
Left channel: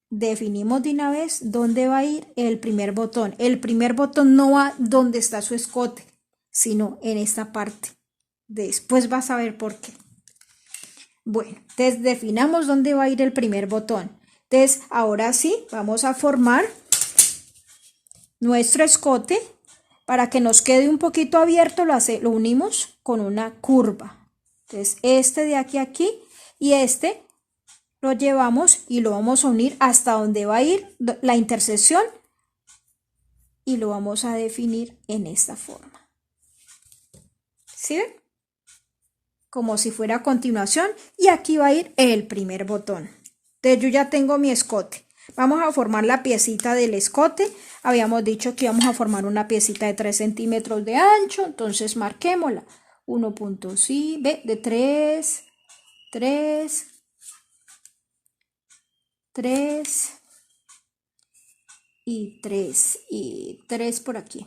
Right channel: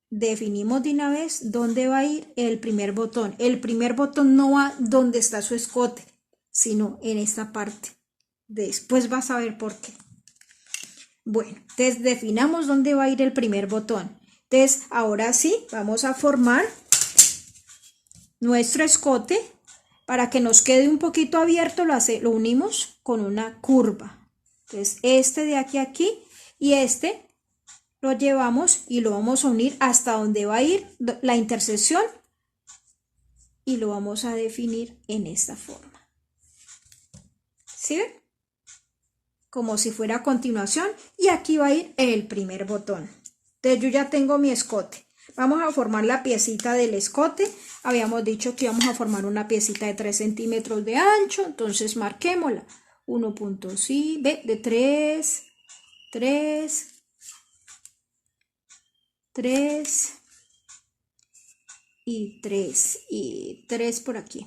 definimos de una vez dónde va a ir el primer botón. El primer botón no va donde está su escote, sino en esta parte. Después vas a ver por qué. Bueno, entonces definamos dónde va a ir el primer botón. Entonces, ahora sí, vamos a formar nuestro escote, para que nos quede un poquito abierto, lo unimos con una curva. Entonces este de aquí a aquí y este lo llevamos y lo vamos a unir hasta donde va a ir la intersección y lo vamos a definir en esta forma. ¿Sí ven? Como si fuera a continuación, y aquí va a ir el primer botón. Entonces yo ya tengo mi escote. Vamos a formar la piecita del escote. Habíamos dicho que íbamos a formar una piecita de 3 centímetros de ancho, entonces marquémosla. 1.5, ve, de 3, 3, 3 y 3 y 3 por aquí.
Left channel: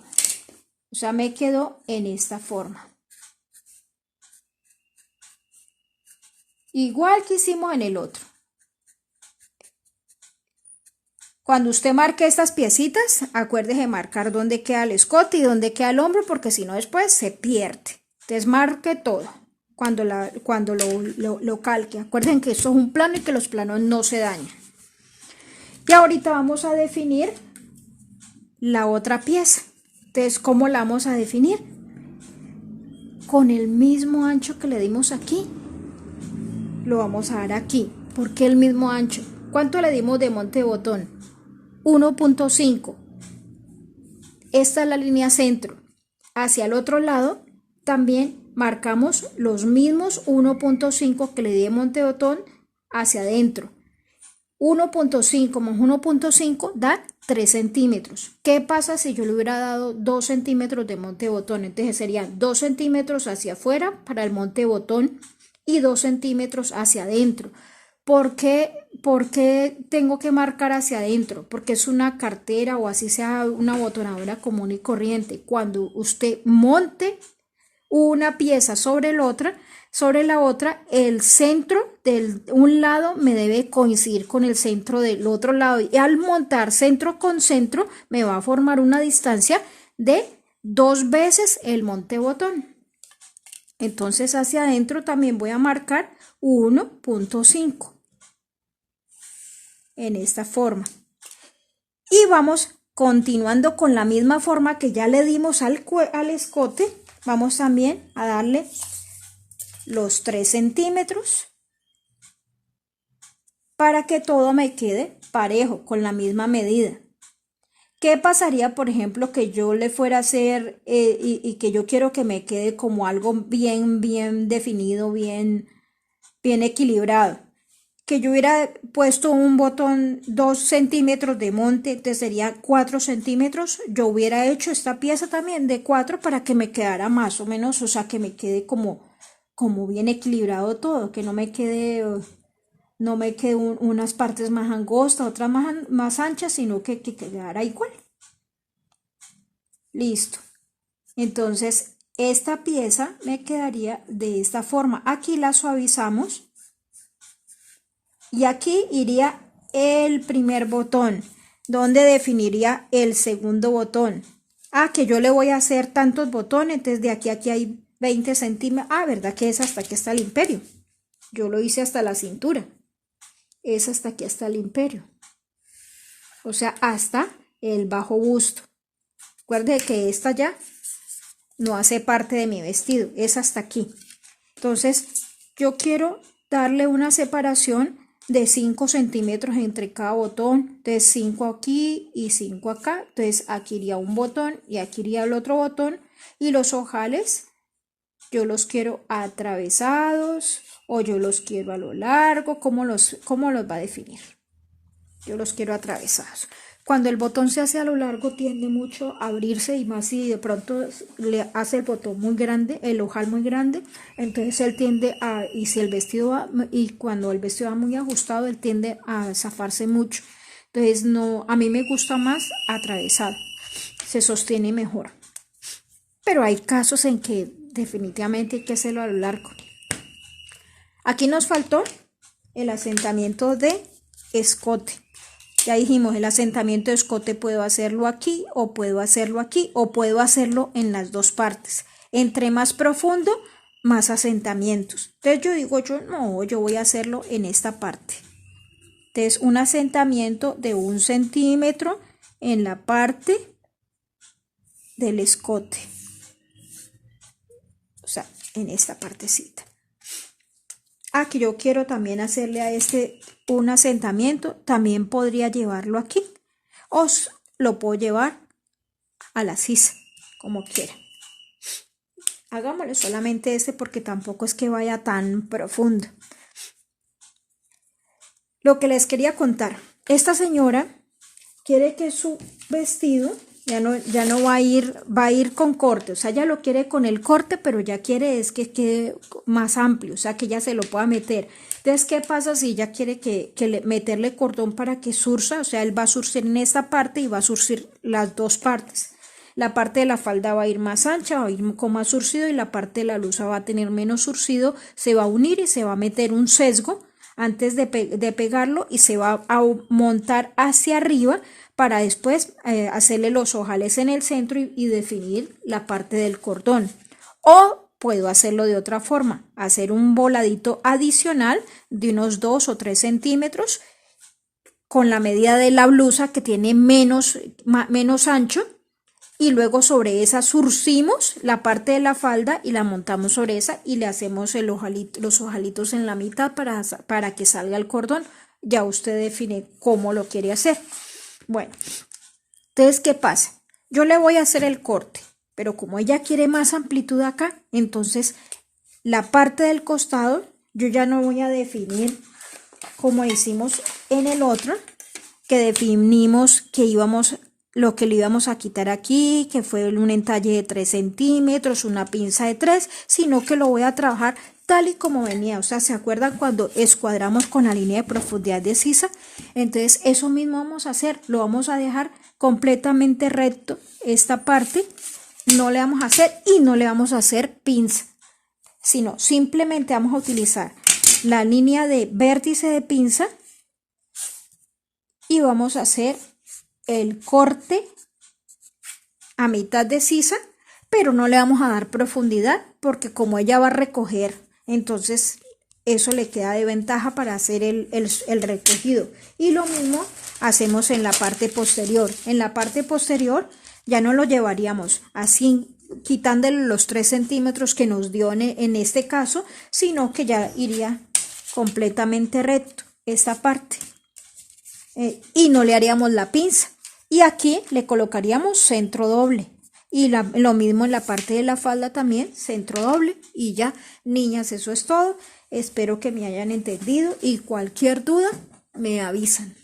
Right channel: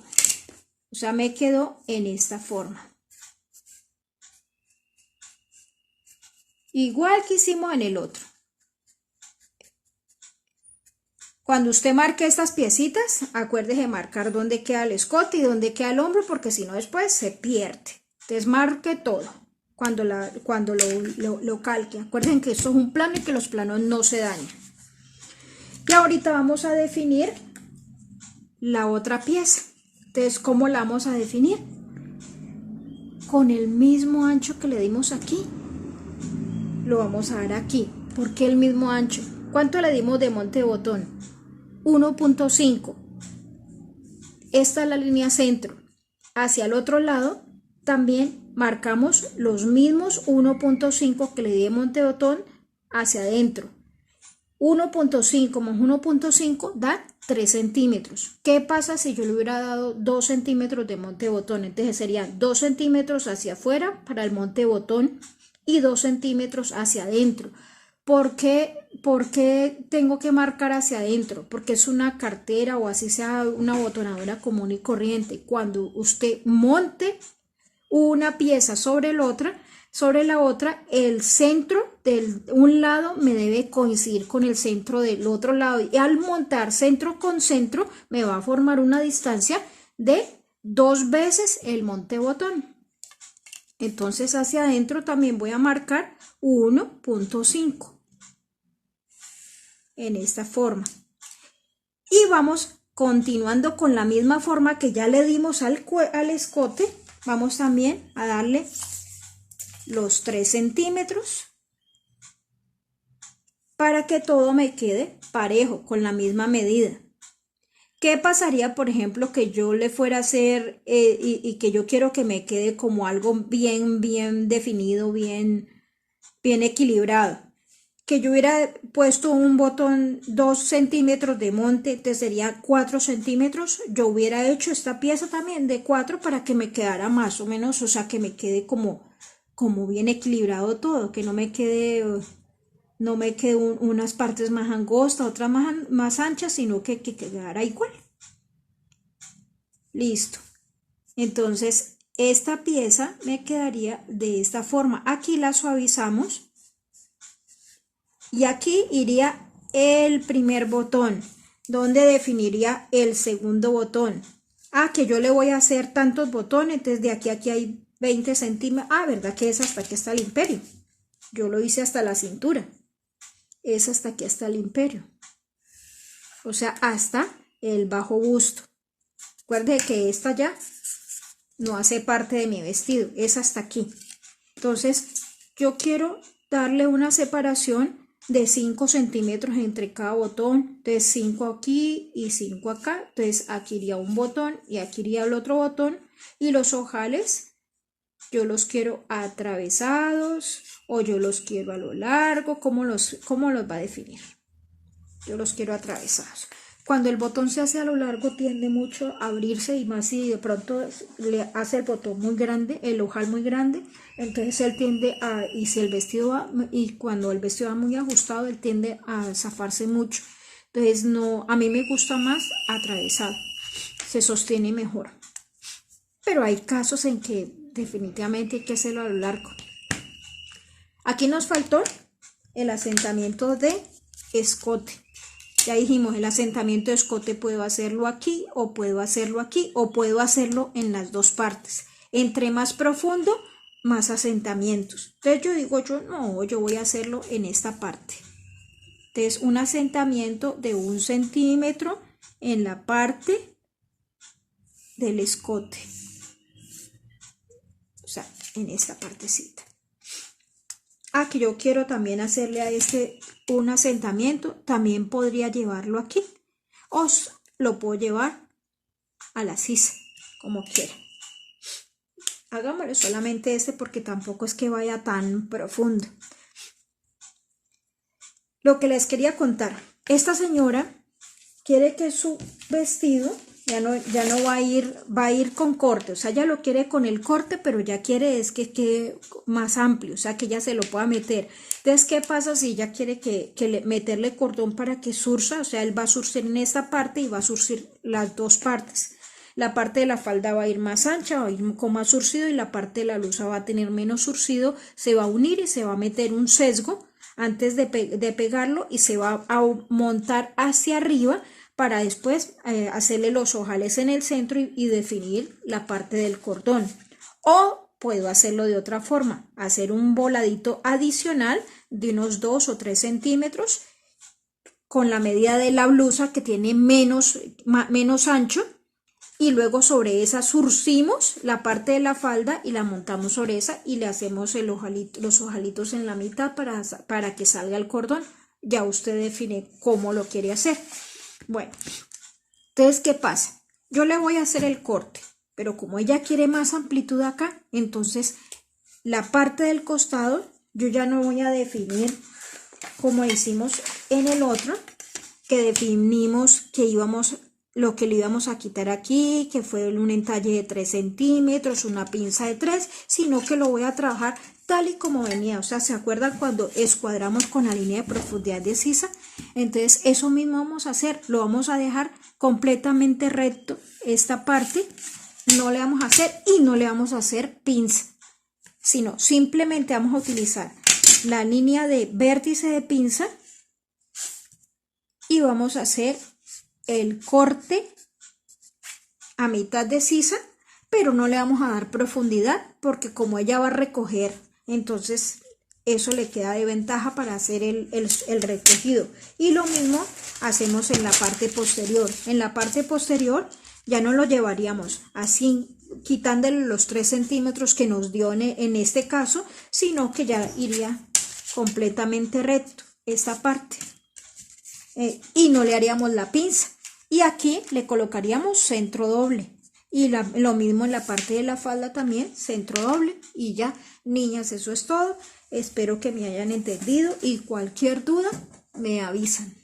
O sea, me quedó en esta forma. Igual que hicimos en el otro. Cuando usted marque estas piecitas, acuérdese de marcar dónde queda el escote y dónde queda el hombro, porque si no después se pierde. Entonces marque todo cuando lo calque. Acuérdense que esto es un plano y que los planos no se dañan. Y ahorita vamos a definir la otra pieza. Entonces, ¿cómo la vamos a definir? Con el mismo ancho que le dimos aquí. Lo vamos a dar aquí. ¿Por qué el mismo ancho? ¿Cuánto le dimos de monte de botón? 1.5. Esta es la línea centro. Hacia el otro lado también marcamos los mismos 1.5 que le di de monte de botón hacia adentro. 1.5 más 1.5 da 3 centímetros. ¿Qué pasa si yo le hubiera dado 2 centímetros de monte de botón? Entonces serían 2 centímetros hacia afuera para el monte de botón y 2 centímetros hacia adentro. ¿Por qué tengo que marcar hacia adentro? Porque es una cartera o así sea una botonadora común y corriente. Cuando usted monte una pieza sobre la otra, el centro de un lado me debe coincidir con el centro del otro lado. Y al montar centro con centro me va a formar una distancia de 2 veces el monte botón. Entonces hacia adentro también voy a marcar 1.5. En esta forma. Y vamos continuando con la misma forma que ya le dimos al escote. Vamos también a darle los 3 centímetros para que todo me quede parejo, con la misma medida. ¿Qué pasaría, por ejemplo, que yo le fuera a hacer y que yo quiero que me quede como algo bien definido, bien equilibrado? Que yo hubiera puesto un botón 2 centímetros de monte, entonces sería 4 centímetros. Yo hubiera hecho esta pieza también de 4 para que me quedara más o menos, o sea, que me quede como bien equilibrado todo, que no me quede unas partes más angostas, otras más anchas, sino que quedara igual. Listo. Entonces, esta pieza me quedaría de esta forma. Aquí la suavizamos. Y aquí iría el primer botón, donde definiría el segundo botón. Que yo le voy a hacer tantos botones, entonces de aquí a aquí hay 20 centímetros. ¿Verdad que es hasta aquí está el imperio? Yo lo hice hasta la cintura. Es hasta aquí hasta el imperio. O sea, hasta el bajo busto. Recuerden que esta ya no hace parte de mi vestido, es hasta aquí. Entonces, yo quiero darle una separación de 5 centímetros entre cada botón, de 5 aquí y 5 acá. Entonces aquí iría un botón y aquí iría el otro botón, y los ojales yo los quiero atravesados o yo los quiero a lo largo. ¿Cómo los va a definir? Yo los quiero atravesados. Cuando el botón se hace a lo largo tiende mucho a abrirse, y más si de pronto le hace el botón muy grande, el ojal muy grande, entonces él tiende y si el vestido va, y cuando el vestido va muy ajustado, él tiende a zafarse mucho. Entonces no, a mí me gusta más atravesado, se sostiene mejor. Pero hay casos en que definitivamente hay que hacerlo a lo largo. Aquí nos faltó el asentamiento de escote. Ya dijimos, el asentamiento de escote puedo hacerlo aquí o puedo hacerlo aquí o puedo hacerlo en las dos partes. Entre más profundo, más asentamientos. Entonces yo digo, yo voy a hacerlo en esta parte. Entonces un asentamiento de 1 centímetro en la parte del escote, o sea, en esta partecita. Que yo quiero también hacerle a este un asentamiento, también podría llevarlo aquí, o lo puedo llevar a la sisa, como quiera. Hagámoslo solamente este porque tampoco es que vaya tan profundo. Lo que les quería contar, esta señora quiere que su vestido ya no va a ir con corte, o sea, ella lo quiere con el corte, pero ya quiere es que quede más amplio, o sea, que ella se lo pueda meter. Entonces, ¿qué pasa si ella quiere meterle cordón para que surza? O sea, él va a surcir en esta parte y va a surcir las dos partes. La parte de la falda va a ir más ancha, va a ir con más surcido, y la parte de la blusa va a tener menos surcido, se va a unir y se va a meter un sesgo antes de pegarlo, y se va a montar hacia arriba para después hacerle los ojales en el centro y definir la parte del cordón. O puedo hacerlo de otra forma, hacer un voladito adicional de unos 2 o 3 centímetros con la medida de la blusa, que tiene menos ancho, y luego sobre esa surcimos la parte de la falda y la montamos sobre esa y le hacemos los ojalitos en la mitad para que salga el cordón. Ya usted define cómo lo quiere hacer. Bueno, entonces, ¿qué pasa? Yo le voy a hacer el corte, pero como ella quiere más amplitud acá, entonces la parte del costado yo ya no voy a definir como hicimos en el otro, que definimos que lo que le íbamos a quitar aquí, que fue un entalle de 3 centímetros, una pinza de 3, sino que lo voy a trabajar tal y como venía. O sea, ¿se acuerdan cuando escuadramos con la línea de profundidad de sisa? Entonces, eso mismo vamos a hacer, lo vamos a dejar completamente recto. Esta parte no le vamos a hacer y no le vamos a hacer pinza, sino simplemente vamos a utilizar la línea de vértice de pinza y vamos a hacer el corte a mitad de sisa, pero no le vamos a dar profundidad porque como ella va a recoger, entonces eso le queda de ventaja para hacer el recogido. Y lo mismo hacemos en la parte posterior. En la parte posterior ya no lo llevaríamos así, quitándole los 3 centímetros que nos dio en este caso, sino que ya iría completamente recto esta parte. Y no le haríamos la pinza. Y aquí le colocaríamos centro doble. Y lo mismo en la parte de la falda también, centro doble. Y ya, niñas, eso es todo. Espero que me hayan entendido y cualquier duda me avisan.